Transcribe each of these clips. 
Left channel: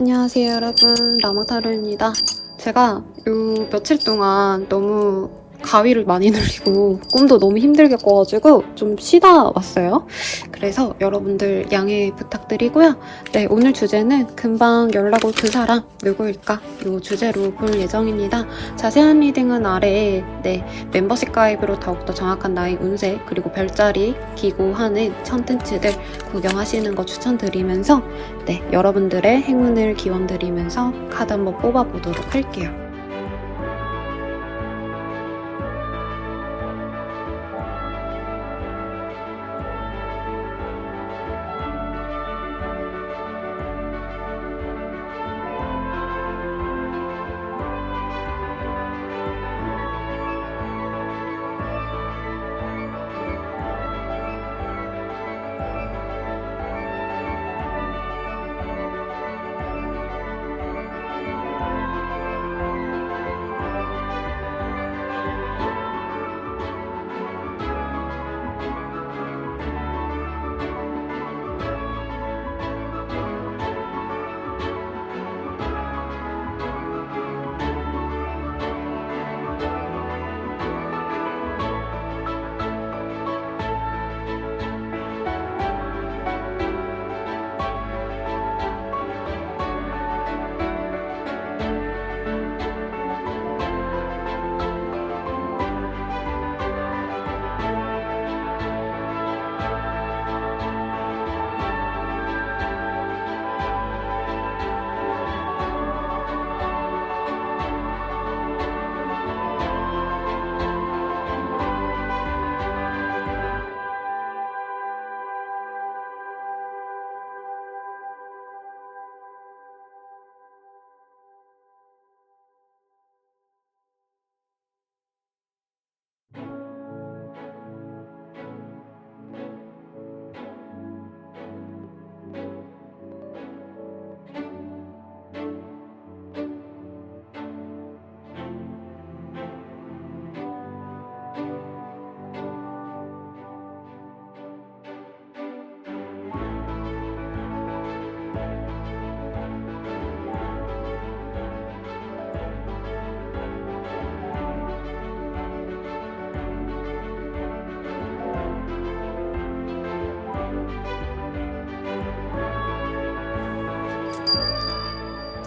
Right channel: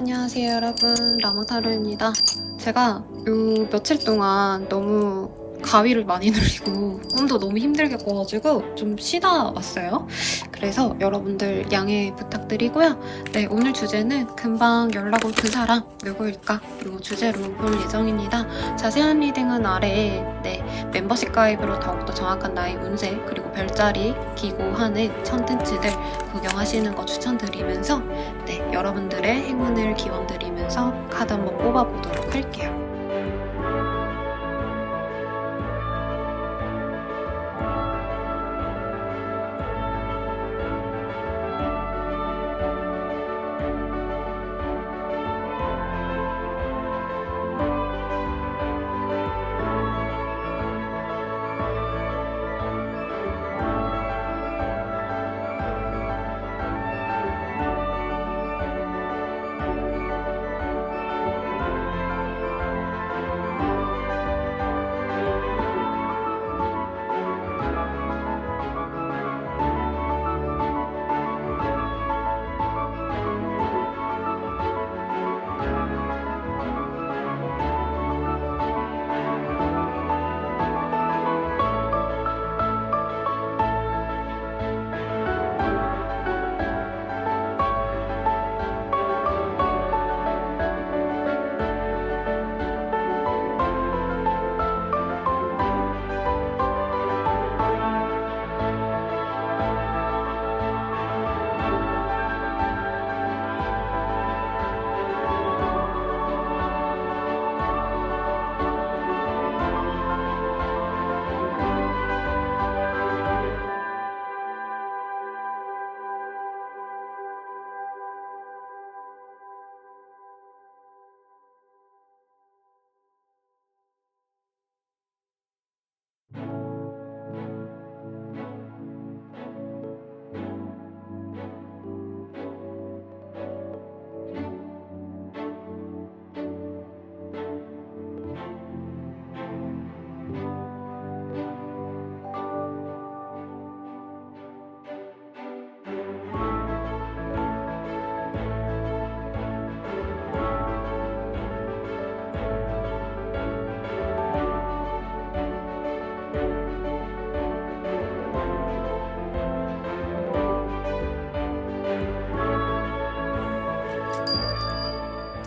안녕하세요 여러분, 라마타로입니다. 제가 요 며칠 동안 너무 가위를 많이 눌리고 꿈도 너무 힘들게 꿔가지고 좀 쉬다 왔어요. 그래서 여러분들 양해 부탁드리고요. 네, 오늘 주제는 금방 연락 올 그 사람 누구일까? 요 주제로 볼 예정입니다. 자세한 리딩은 아래에 멤버십 가입으로 더욱더 정확한 나의 운세 그리고 별자리 기고하는 컨텐츠들 구경하시는 거 추천드리면서 여러분들의 행운을 기원드리면서 카드 한번 뽑아보도록 할게요.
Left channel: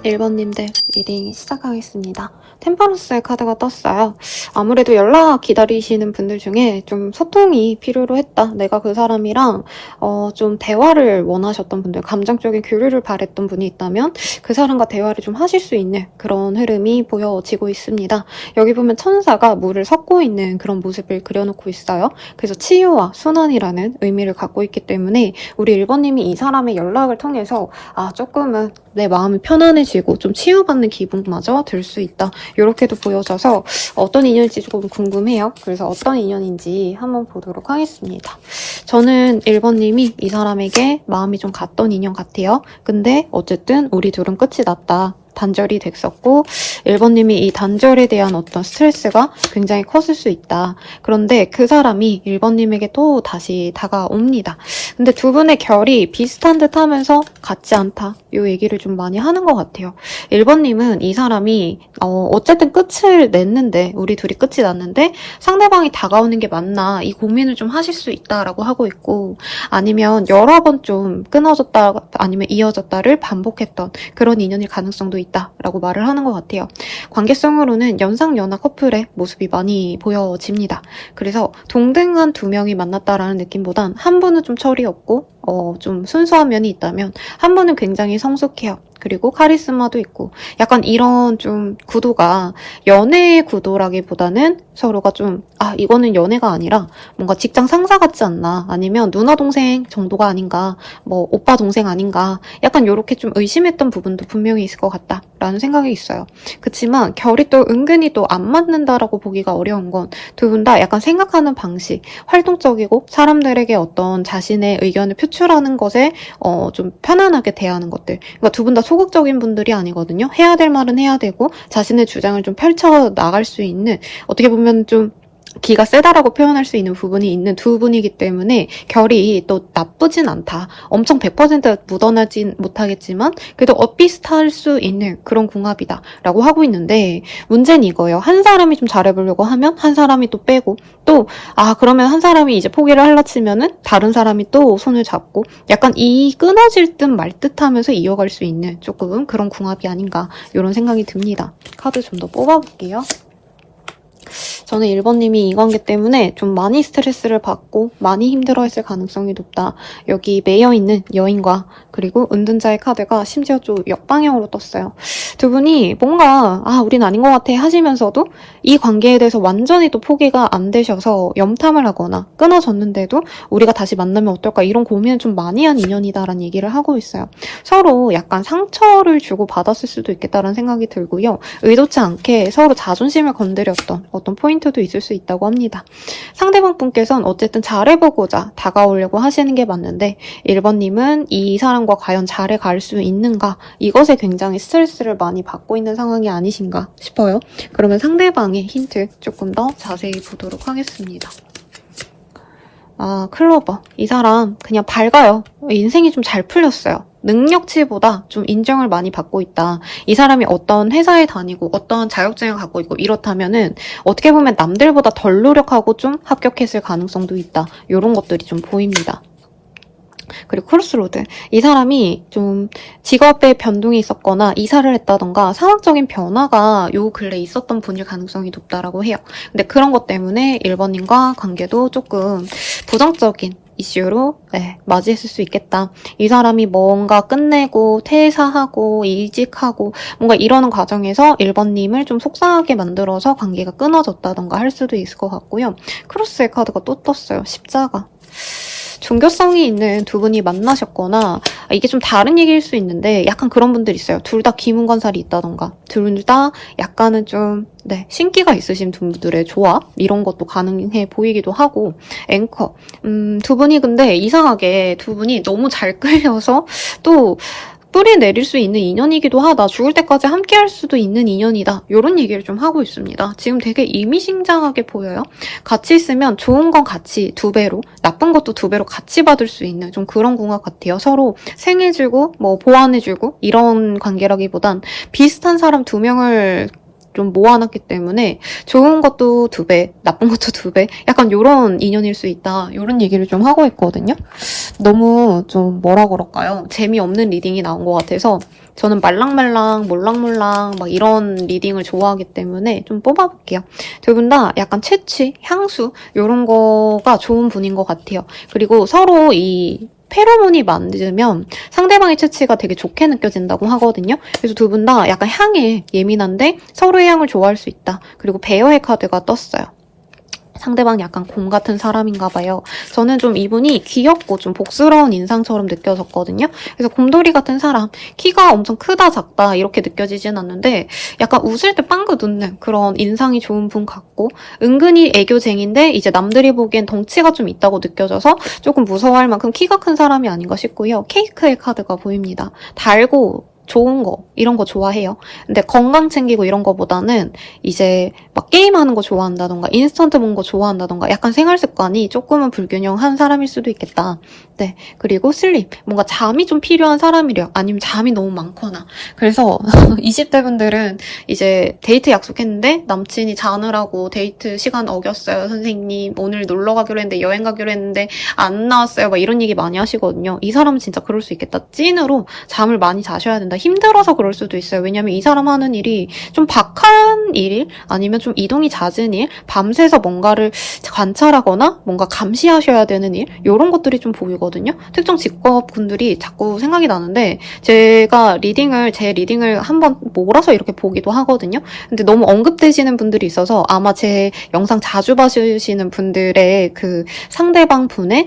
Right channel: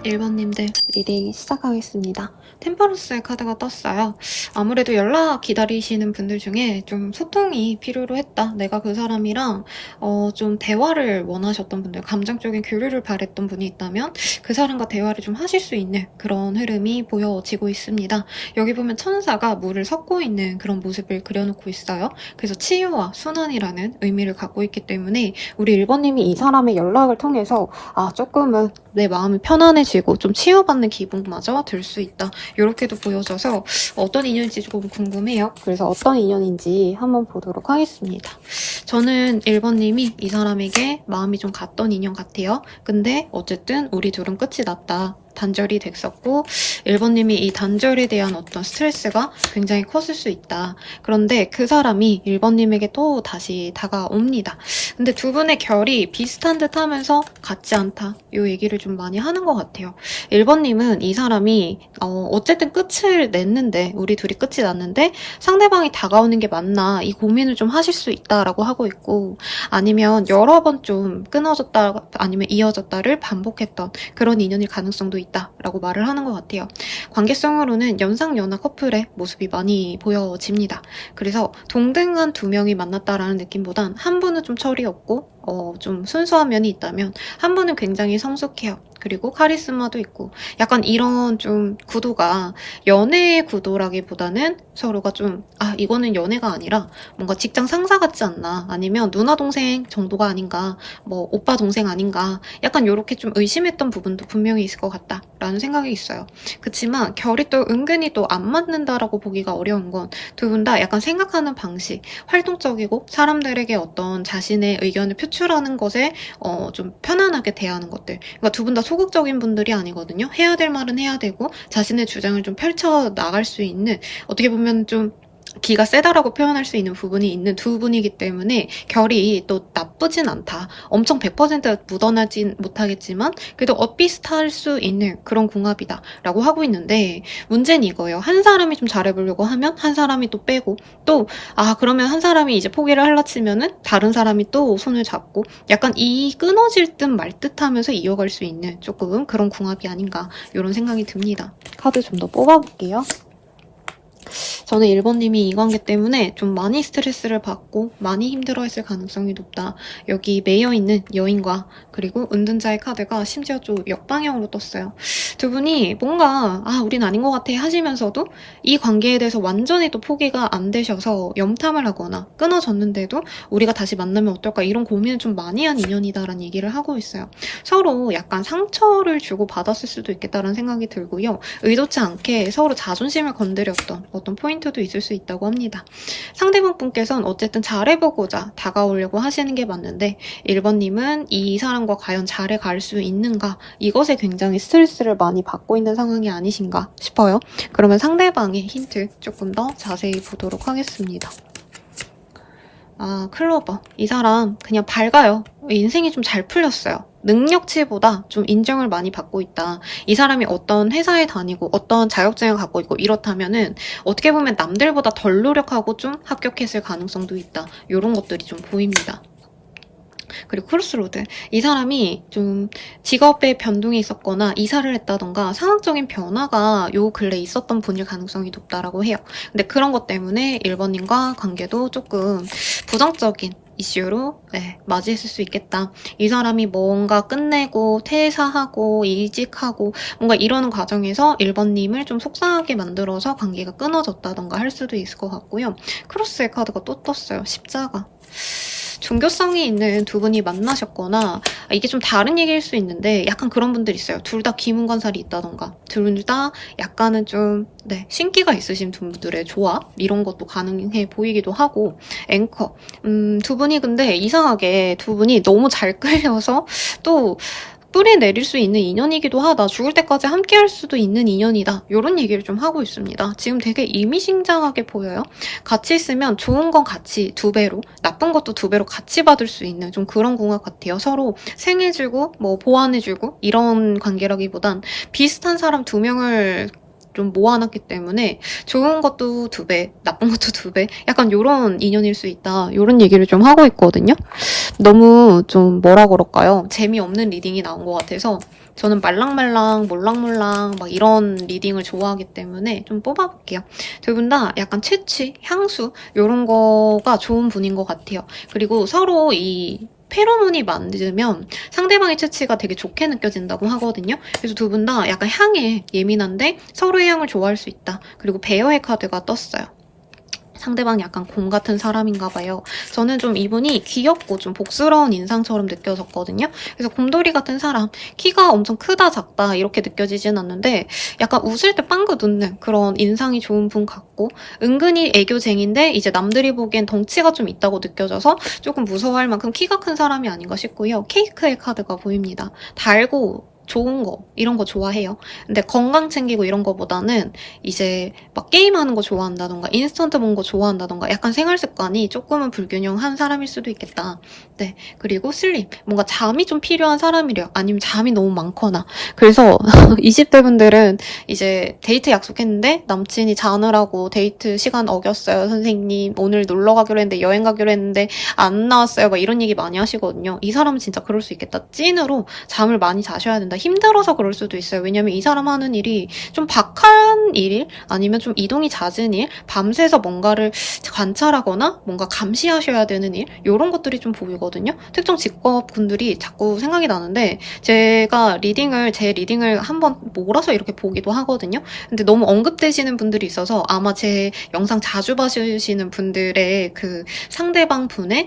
(1번님들) 리딩 시작하겠습니다. 템퍼런스의 카드가 떴어요. 아무래도 연락 기다리시는 분들 중에 좀 소통이 필요로 했다. 내가 그 사람이랑 좀 대화를 원하셨던 분들, 감정적인 교류를 바랬던 분이 있다면 그 사람과 대화를 좀 하실 수 있는 그런 흐름이 보여지고 있습니다. 여기 보면 천사가 물을 섞고 있는 그런 모습을 그려놓고 있어요. 그래서 치유와 순환이라는 의미를 갖고 있기 때문에 우리 1번님이 이 사람의 연락을 통해서 조금은 내 마음이 편안해지고 좀 치유받는 기분마저 들 수 있다. 이렇게도 보여져서 어떤 인연인지 조금 궁금해요. 그래서 어떤 인연인지 한번 보도록 하겠습니다. 저는 1번님이 이 사람에게 마음이 좀 갔던 인연 같아요. 근데 어쨌든 우리 둘은 끝이 났다. 단절이 됐었고 1번님이 이 단절에 대한 어떤 스트레스가 굉장히 컸을 수 있다. 그런데 그 사람이 1번님에게 또 다시 다가옵니다. 근데 두 분의 결이 비슷한 듯 하면서 같지 않다. 이 얘기를 좀 많이 하는 것 같아요. 1번님은 이 사람이 어쨌든 끝을 냈는데 우리 둘이 끝이 났는데 상대방이 다가오는 게 맞나 이 고민을 좀 하실 수 있다라고 하고 있고 아니면 여러 번 좀 끊어졌다 아니면 이어졌다를 반복했던 그런 인연일 가능성도 있다라고 말을 하는 것 같아요. 관계성으로는 연상연하 커플의 모습이 많이 보여집니다. 그래서 동등한 두 명이 만났다라는 느낌보단 한 분은 좀 철이 없고 좀 순수한 면이 있다면 한 분은 굉장히 성숙해요. 그리고 카리스마도 있고 약간 이런 좀 구도가 연애의 구도라기보다는 서로가 좀 이거는 연애가 아니라 뭔가 직장 상사 같지 않나 아니면 누나 동생 정도가 아닌가 뭐 오빠 동생 아닌가 약간 이렇게 좀 의심했던 부분도 분명히 있을 것 같다라는 생각이 있어요. 그치만 결이 또 은근히 또 안 맞는다라고 보기가 어려운 건 두 분 다 약간 생각하는 방식 활동적이고 사람들에게 어떤 자신의 의견을 표출하는 것에 좀 편안하게 대하는 것들 그러니까 두 분 다 소극적인 분들이 아니거든요. 해야 될 말은 해야 되고 자신의 주장을 좀 펼쳐 나갈 수 있는 어떻게 보면 좀 기가 세다라고 표현할 수 있는 부분이 있는 두 분이기 때문에 결이 또 나쁘진 않다. 엄청 100% 묻어나진 못하겠지만 그래도 엇비슷할 수 있는 그런 궁합이다 라고 하고 있는데, 문제는 이거예요. 한 사람이 좀 잘해보려고 하면 한 사람이 또 빼고, 또 그러면 한 사람이 이제 포기를 하려 치면은 다른 사람이 또 손을 잡고, 약간 이 끊어질 듯 말 듯 하면서 이어갈 수 있는 조금 그런 궁합이 아닌가, 이런 생각이 듭니다. 카드 좀 더 뽑아볼게요. 저는 1번님이 이 관계 때문에 좀 많이 스트레스를 받고 많이 힘들어했을 가능성이 높다. 여기 매여있는 여인과 그리고 은둔자의 카드가 심지어 좀 역방향으로 떴어요. 두 분이 뭔가 우린 아닌 것 같아 하시면서도 이 관계에 대해서 완전히 또 포기가 안 되셔서 염탐을 하거나 끊어졌는데도 우리가 다시 만나면 어떨까, 이런 고민을 좀 많이 한 인연이다라는 얘기를 하고 있어요. 서로 약간 상처를 주고 받았을 수도 있겠다라는 생각이 들고요. 의도치 않게 서로 자존심을 건드렸던 어떤 포인트도 있을 수 있다고 합니다. 상대방 분께서는 어쨌든 잘해보고자 다가오려고 하시는 게 맞는데 1번님은 이 사람과 과연 잘해갈 수 있는가, 이것에 굉장히 스트레스를 많이 받고 있는 상황이 아니신가 싶어요. 그러면 상대방의 힌트 조금 더 자세히 보도록 하겠습니다. 클로버. 이 사람 그냥 밝아요. 인생이 좀 잘 풀렸어요. 능력치보다 좀 인정을 많이 받고 있다. 이 사람이 어떤 회사에 다니고 어떤 자격증을 갖고 있고 이렇다면은 어떻게 보면 남들보다 덜 노력하고 좀 합격했을 가능성도 있다. 이런 것들이 좀 보입니다. 그리고 크로스로드. 이 사람이 좀 직업에 변동이 있었거나 이사를 했다던가 상황적인 변화가 요 근래 있었던 분일 가능성이 높다라고 해요. 근데 그런 것 때문에 1번님과 관계도 조금 부정적인 이슈로 맞이했을 수 있겠다. 이 사람이 뭔가 끝내고 퇴사하고 이직하고 뭔가 이러는 과정에서 1번님을 좀 속상하게 만들어서 관계가 끊어졌다던가 할 수도 있을 것 같고요. 크로스의 카드가 또 떴어요. 십자가. 종교성이 있는 두 분이 만나셨거나, 이게 좀 다른 얘기일 수 있는데 약간 그런 분들 있어요. 둘 다 기문관살이 있다던가 둘 다 약간은 좀 신기가 있으신 분들의 조합, 이런 것도 가능해 보이기도 하고. 앵커. 두 분이 근데 이상하게 두 분이 너무 잘 끌려서 또 뿌리 내릴 수 있는 인연이기도 하다. 죽을 때까지 함께 할 수도 있는 인연이다. 이런 얘기를 좀 하고 있습니다. 지금 되게 의미심장하게 보여요. 같이 있으면 좋은 건 같이 2배로, 나쁜 것도 2배로 같이 받을 수 있는 좀 그런 궁합 같아요. 서로 생해주고 뭐 보완해주고 이런 관계라기보단 비슷한 사람 2명을 좀 모아놨기 때문에 좋은 것도 2배, 나쁜 것도 2배, 약간 요런 인연일 수 있다. 요런 얘기를 좀 하고 있거든요. 너무 좀 뭐라 그럴까요? 재미없는 리딩이 나온 것 같아서 저는 말랑말랑, 몰랑몰랑 막 이런 리딩을 좋아하기 때문에 좀 뽑아볼게요. 두 분 다 약간 채취, 향수 요런 거가 좋은 분인 것 같아요. 그리고 서로 이 페로몬이 맞으면 상대방의 채취가 되게 좋게 느껴진다고 하거든요. 그래서 두 분 다 약간 향에 예민한데 서로의 향을 좋아할 수 있다. 그리고 베어의 카드가 떴어요. 상대방이 약간 곰 같은 사람인가 봐요. 저는 좀 이분이 귀엽고 좀 복스러운 인상처럼 느껴졌거든요. 그래서 곰돌이 같은 사람, 키가 엄청 크다 작다 이렇게 느껴지진 않는데 약간 웃을 때 빵긋 웃는 그런 인상이 좋은 분 같고, 은근히 애교쟁인데 이제 남들이 보기엔 덩치가 좀 있다고 느껴져서 조금 무서워할 만큼 키가 큰 사람이 아닌가 싶고요. 케이크의 카드가 보입니다. 달고 좋은 거 이런 거 좋아해요. 근데 건강 챙기고 이런 거보다는 이제 막 게임하는 거 좋아한다던가 인스턴트 먹는 거 좋아한다던가 약간 생활 습관이 조금은 불균형한 사람일 수도 있겠다. 네. 그리고 슬립. 뭔가 잠이 좀 필요한 사람이래요. 아니면 잠이 너무 많거나. 그래서 20대 분들은 이제 데이트 약속했는데 남친이 자느라고 데이트 시간 어겼어요. 선생님 오늘 놀러 가기로 했는데 여행 가기로 했는데 안 나왔어요. 막 이런 얘기 많이 하시거든요. 이 사람은 진짜 그럴 수 있겠다. 찐으로 잠을 많이 자셔야 된다. 힘들어서 그럴 수도 있어요. 왜냐면 이 사람 하는 일이 좀 박한 일, 아니면 좀 이동이 잦은 일, 밤새서 뭔가를 관찰하거나 뭔가 감시하셔야 되는 일, 이런 것들이 좀 보이거든요. 특정 직업군들이 자꾸 생각이 나는데 제가 제 리딩을 한번 몰아서 이렇게 보기도 하거든요. 근데 너무 언급되시는 분들이 있어서 아마 제 영상 자주 봐주시는 분들의 그 상대방 분의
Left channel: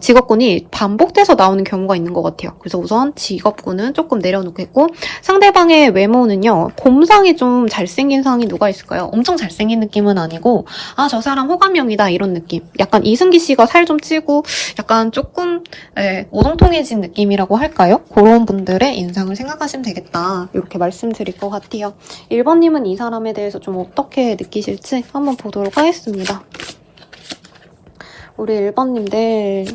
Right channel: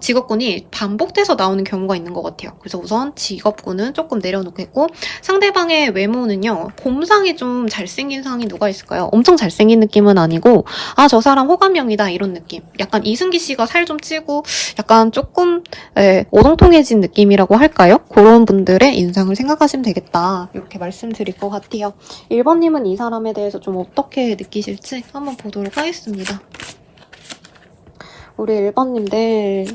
직업군이 반복돼서 나오는 경우가 있는 것 같아요. 그래서 우선 직업군은 조금 내려놓고 되고, 상대방의 외모는요, 곰상이 좀 잘생긴 상이 누가 있을까요? 엄청 잘생긴 느낌은 아니고, 아, 저 사람 호감형이다, 이런 느낌. 약간 이승기 씨가 살 좀 찌고, 약간 조금, 오동통해진 느낌이라고 할까요? 그런 분들의 인상을 생각하시면 되겠다. 이렇게 말씀드릴 것 같아요. 1번님은 이 사람에 대해서 좀 어떻게 느끼실지 한번 보도록 하겠습니다. 우리 1번님들,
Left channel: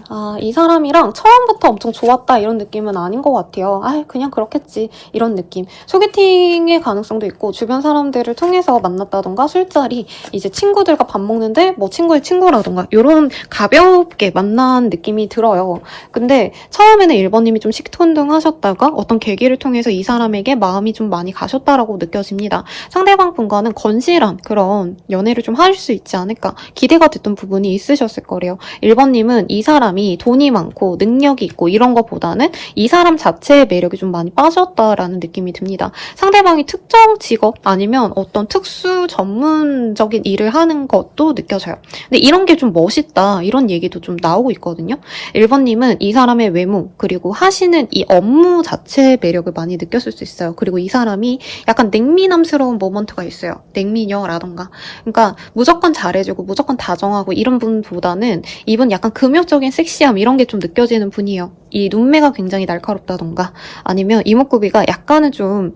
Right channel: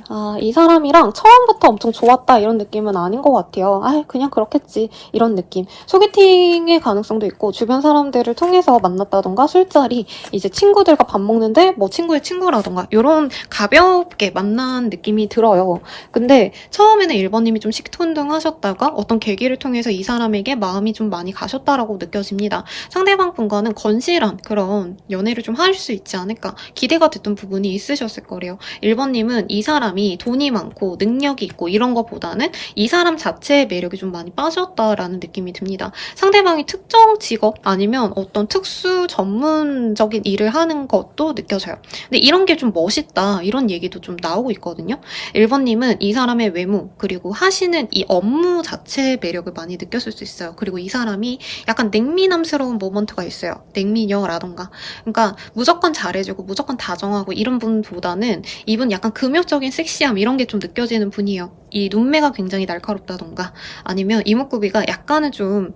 이 사람이랑 처음부터 엄청 좋았다 이런 느낌은 아닌 것 같아요. 그냥 그렇겠지 이런 느낌. 소개팅의 가능성도 있고 주변 사람들을 통해서 만났다던가 술자리, 이제 친구들과 밥 먹는데 뭐 친구의 친구라던가 이런 가볍게 만난 느낌이 들어요. 근데 처음에는 1번님이 좀 식톤등하셨다가 어떤 계기를 통해서 이 사람에게 마음이 좀 많이 가셨다라고 느껴집니다. 상대방 분과는 건실한 그런 연애를 좀 하실 수 있지 않을까 기대가 됐던 부분이 있으셨을 거래요. 1번님은 이 사람이 돈이 많고 능력이 있고 이런 것보다는 이 사람 자체의 매력이 좀 많이 빠졌다라는 느낌이 듭니다. 상대방이 특정 직업 아니면 어떤 특수 전문적인 일을 하는 것도 느껴져요. 근데 이런 게 좀 멋있다 이런 얘기도 좀 나오고 있거든요. 1번님은 이 사람의 외모 그리고 하시는 이 업무 자체의 매력을 많이 느꼈을 수 있어요. 그리고 이 사람이 약간 냉미남스러운 모먼트가 있어요. 냉미녀라던가. 그러니까 무조건 잘해주고 무조건 다정하고 이런 분보다는 이분 약간 금욕적인 섹시함 이런 게 좀 느껴지는 분이에요. 이 눈매가 굉장히 날카롭다던가 아니면 이목구비가 약간은 좀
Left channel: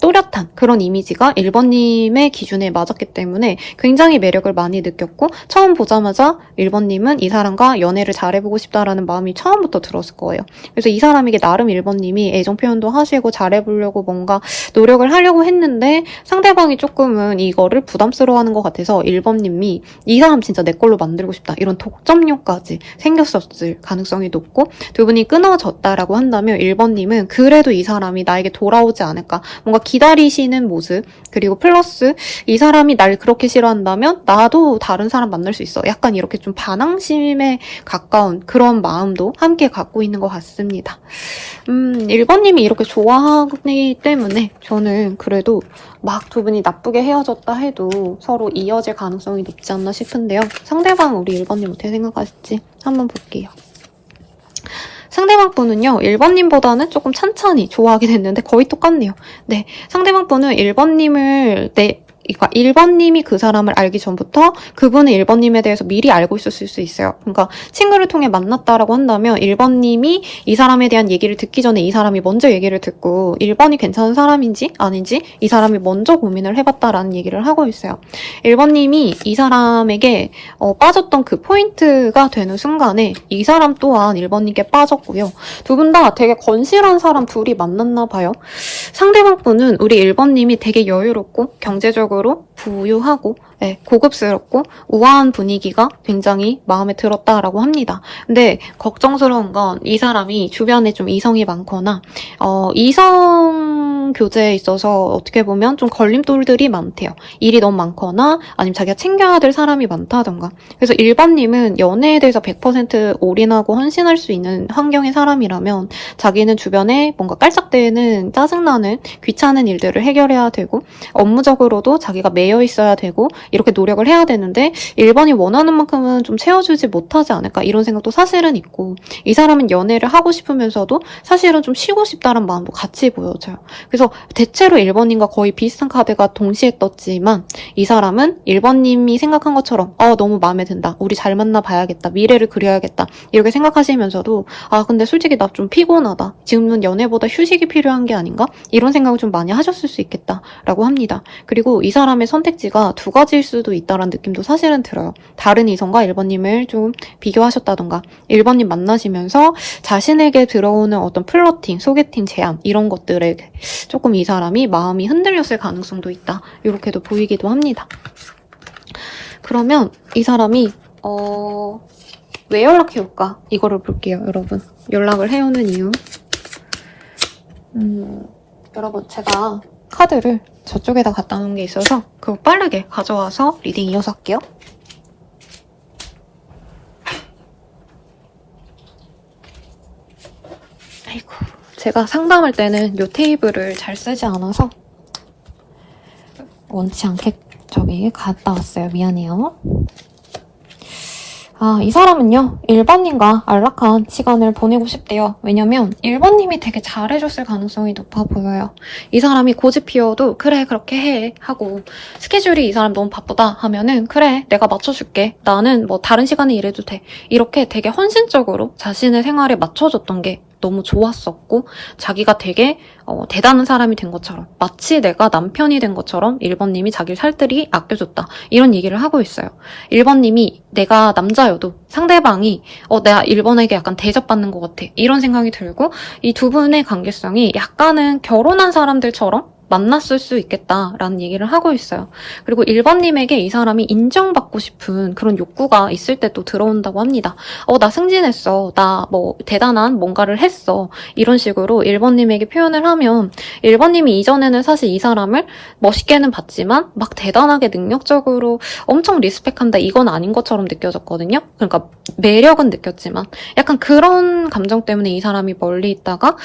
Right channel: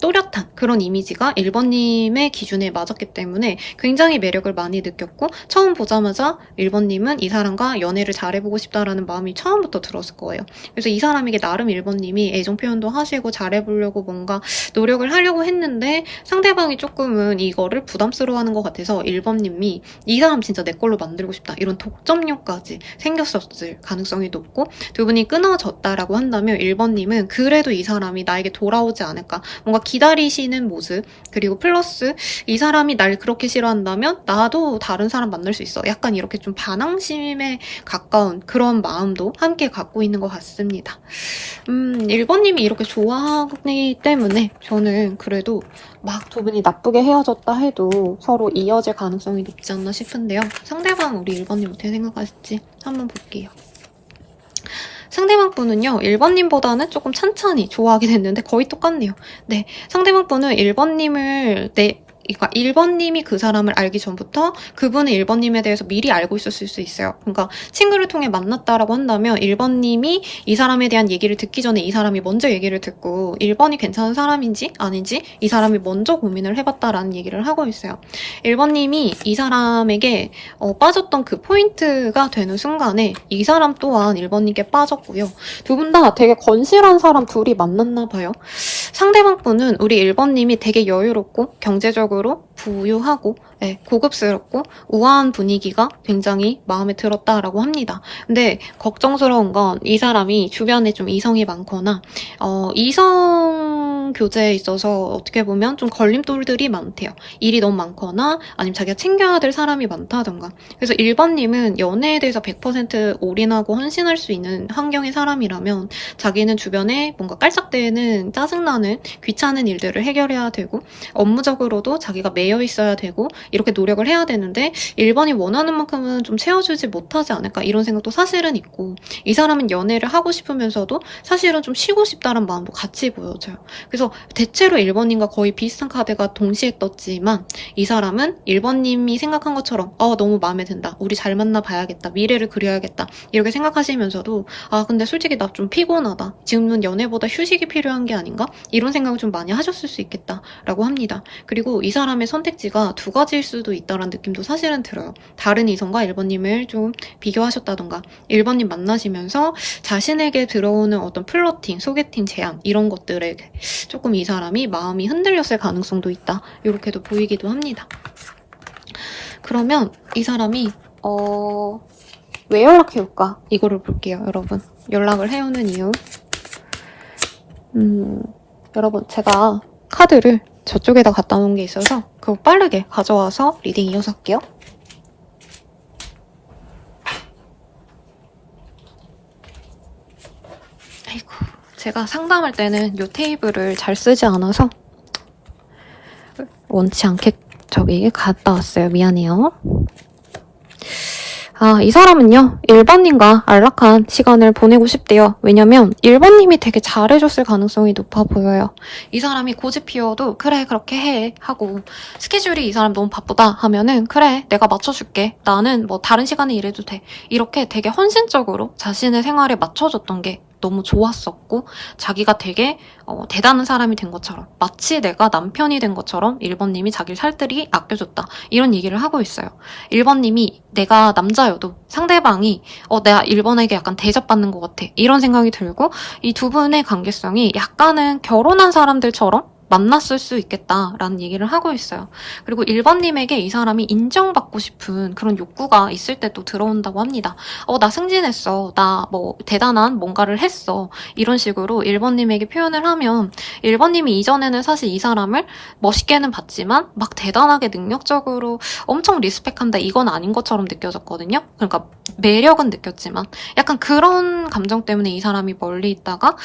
또렷한 그런 이미지가 1번님의 기준에 맞았기 때문에 굉장히 매력을 많이 느꼈고 처음 보자마자 1번님은 이 사람과 연애를 잘해보고 싶다라는 마음이 처음부터 들었을 거예요. 그래서 이 사람에게 나름 1번님이 애정 표현도 하시고 잘해보려고 뭔가 노력을 하려고 했는데 상대방이 조금은 이거를 부담스러워하는 것 같아서 1번님이 이 사람 진짜 내 걸로 만들고 싶다 이런 독점욕까지 생겼었을 가능성이 높고 두 분이 끊어졌다라고 한다면 1번님은 그래도 이 사람이 나에게 돌아오지 않을까 뭔가 기다리시는 모습 그리고 플러스 이 사람이 날 그렇게 싫어한다면 나도 다른 사람 만날 수 있어 약간 이렇게 좀 반항심에 가까운 그런 마음도 함께 갖고 있는 것 같습니다. 1번님이 이렇게 좋아하기 때문에 저는 그래도 막 두 분이 나쁘게 헤어졌다 해도 서로 이어질 가능성이 높지 않나 싶은데요. 상대방 우리 1번님 어떻게 생각하실지 한번 볼게요. 상대방 분은요, 1번님보다는 조금 찬찬히 좋아하게 됐는데 거의 똑같네요. 네, 상대방 분은 1번님을 그러니까 1번님이 그 사람을 알기 전부터 그분은 1번님에 대해서 미리 알고 있었을 수 있어요. 그러니까 친구를 통해 만났다라고 한다면 1번님이 이 사람에 대한 얘기를 듣기 전에 이 사람이 먼저 얘기를 듣고 1번이 괜찮은 사람인지 아닌지 이 사람이 먼저 고민을 해봤다라는 얘기를 하고 있어요. 1번님이 이 사람에게 빠졌던 그 포인트가 되는 순간에 이 사람 또한 1번님께 빠졌고요. 두 분 다 되게 건실한 사람 둘이 만났나 봐요. 상대방 분은 우리 1번님이 되게 여유롭고 경제적으로 부유하고 고급스럽고 우아한 분위기가 굉장히 마음에 들었다라고 합니다. 근데 걱정스러운 건 이 사람이 주변에 좀 이성이 많거나 이성 교제에 있어서 어떻게 보면 좀 걸림돌들이 많대요. 일이 너무 많거나 아니면 자기가 챙겨야 될 사람이 많다던가. 그래서 1번님은 연애에 대해서 100% 올인하고 헌신할 수 있는 환경의 사람이라면 자기는 주변에 뭔가 깔짝대는 짜증나는 귀찮은 일들을 해결해야 되고 업무적으로도 자기가 매여 있어야 되고 이렇게 노력을 해야 되는데 1번이 원하는 만큼은 좀 채워주지 못하지 않을까 이런 생각도 사실은 있고 이 사람은 연애를 하고 싶으면서도 사실은 좀 쉬고 싶다는 마음도 같이 보여져요. 그래서 대체로 1번님과 거의 비슷한 카드가 동시에 떴지만 이 사람은 1번님이 생각한 것처럼 너무 마음에 든다. 우리 잘 만나 봐야겠다. 미래를 그려야겠다. 이렇게 생각하시면서도 근데 솔직히 나 좀 피곤하다. 지금은 연애보다 휴식이 필요한 게 아닌가? 이런 생각을 좀 많이 하셨을 수 있겠다라고 합니다. 그리고 이 사람의 선택지가 두 가지일 수도 있다는 느낌도 사실은 들어요. 다른 이성과 1번님을 좀 비교하셨다던가 1번님 만나시면서 자신에게 들어오는 어떤 플러팅, 소개팅 제안 이런 것들에 조금 이 사람이 마음이 흔들렸을 가능성도 있다. 이렇게도 보이기도 합니다. 그러면 이 사람이 왜 연락해올까? 이거를 볼게요, 여러분. 연락을 해오는 이유. 여러분, 제가 카드를 저쪽에다 갖다 놓은 게 있어서 그거 빠르게 가져와서 리딩 이어서 할게요. 아이고, 제가 상담할 때는 이 테이블을 잘 쓰지 않아서 원치 않게 저기 갔다 왔어요. 미안해요. 이 사람은요, 1번님과 안락한 시간을 보내고 싶대요. 왜냐면 1번님이 되게 잘해줬을 가능성이 높아 보여요. 이 사람이 고집 피워도 그래 그렇게 해 하고, 스케줄이 이 사람 너무 바쁘다 하면은 그래 내가 맞춰줄게, 나는 뭐 다른 시간에 일해도 돼, 이렇게 되게 헌신적으로 자신의 생활에 맞춰줬던 게 너무 좋았었고, 자기가 되게 대단한 사람이 된 것처럼, 마치 내가 남편이 된 것처럼 1번님이 자기를 살뜰히 아껴줬다, 이런 얘기를 하고 있어요. 1번님이 내가 남자여도 상대방이 내가 1번에게 약간 대접받는 것 같아, 이런 생각이 들고, 이 두 분의 관계성이 약간은 결혼한 사람들처럼 만났을 수 있겠다라는 얘기를 하고 있어요. 그리고 1번님에게 이 사람이 인정받고 싶은 그런 욕구가 있을 때 또 들어온다고 합니다. 나 승진했어, 나 뭐 대단한 뭔가를 했어, 이런 식으로 1번님에게 표현을 하면, 1번님이 이전에는 사실 이 사람을 멋있게는 봤지만 막 대단하게 능력적으로 엄청 리스펙한다, 이건 아닌 것처럼 느껴졌거든요. 그러니까 매력은 느꼈지만 약간 그런 감정 때문에 이 사람이 멀리 있다가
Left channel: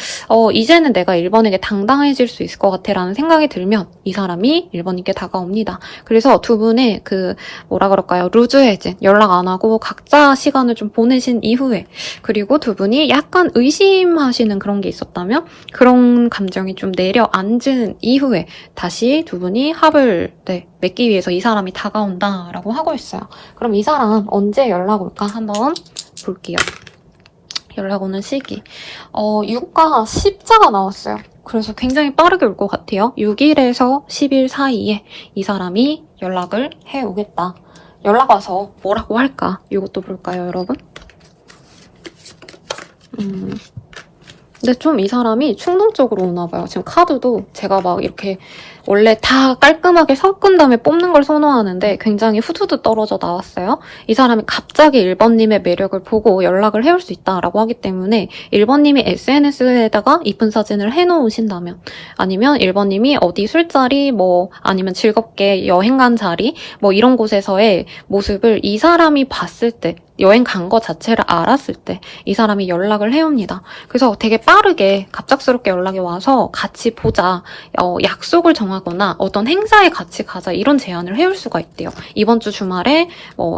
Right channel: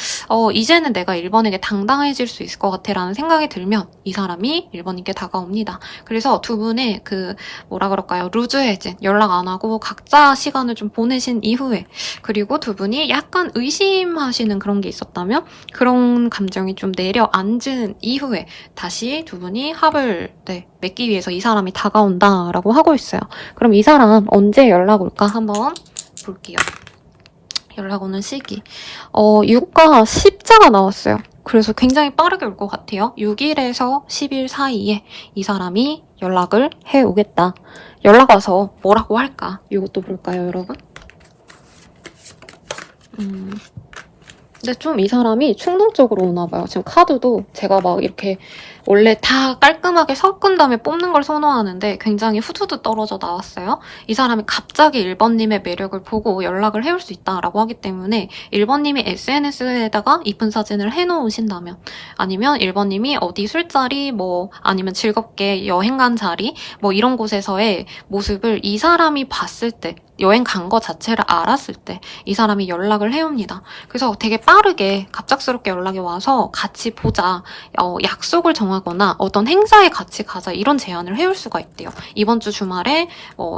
이제는 내가 1번에게 당당해질 수 있을 것 같아 라는 생각이 들면 이 사람이 1번님께 다가옵니다. 그래서 두 분의 그 뭐라 그럴까요, 루즈 해제, 연락 안 하고 각자 시간을 좀 보내신 이후에, 그리고 두 분이 약간 의심하시는 그런 게 있었다면 그런 감정이 좀 내려앉은 이후에 다시 두 분이 합을 맺기 위해서 이 사람이 다가온다라고 하고 있어요. 그럼 이 사람 언제 연락 올까 한번 볼게요. 연락 오는 시기. 6과 10자가 나왔어요. 그래서 굉장히 빠르게 올 것 같아요. 6일에서 10일 사이에 이 사람이 연락을 해오겠다. 연락 와서 뭐라고 할까? 이것도 볼까요, 여러분? 근데 좀 이 사람이 충동적으로 오나 봐요. 지금 카드도 제가 막 이렇게 원래 다 깔끔하게 섞은 다음에 뽑는 걸 선호하는데 굉장히 후두두 떨어져 나왔어요. 이 사람이 갑자기 1번님의 매력을 보고 연락을 해올 수 있다라고 하기 때문에 1번님이 SNS에다가 이쁜 사진을 해놓으신다면, 아니면 1번님이 어디 술자리, 뭐 아니면 즐겁게 여행 간 자리, 뭐 이런 곳에서의 모습을 이 사람이 봤을 때, 여행 간 거 자체를 알았을 때 이 사람이 연락을 해옵니다. 그래서 되게 빠르게 갑작스럽게 연락이 와서 같이 보자, 약속을 정하거나 어떤 행사에 같이 가자, 이런 제안을 해올 수가 있대요. 이번 주 주말에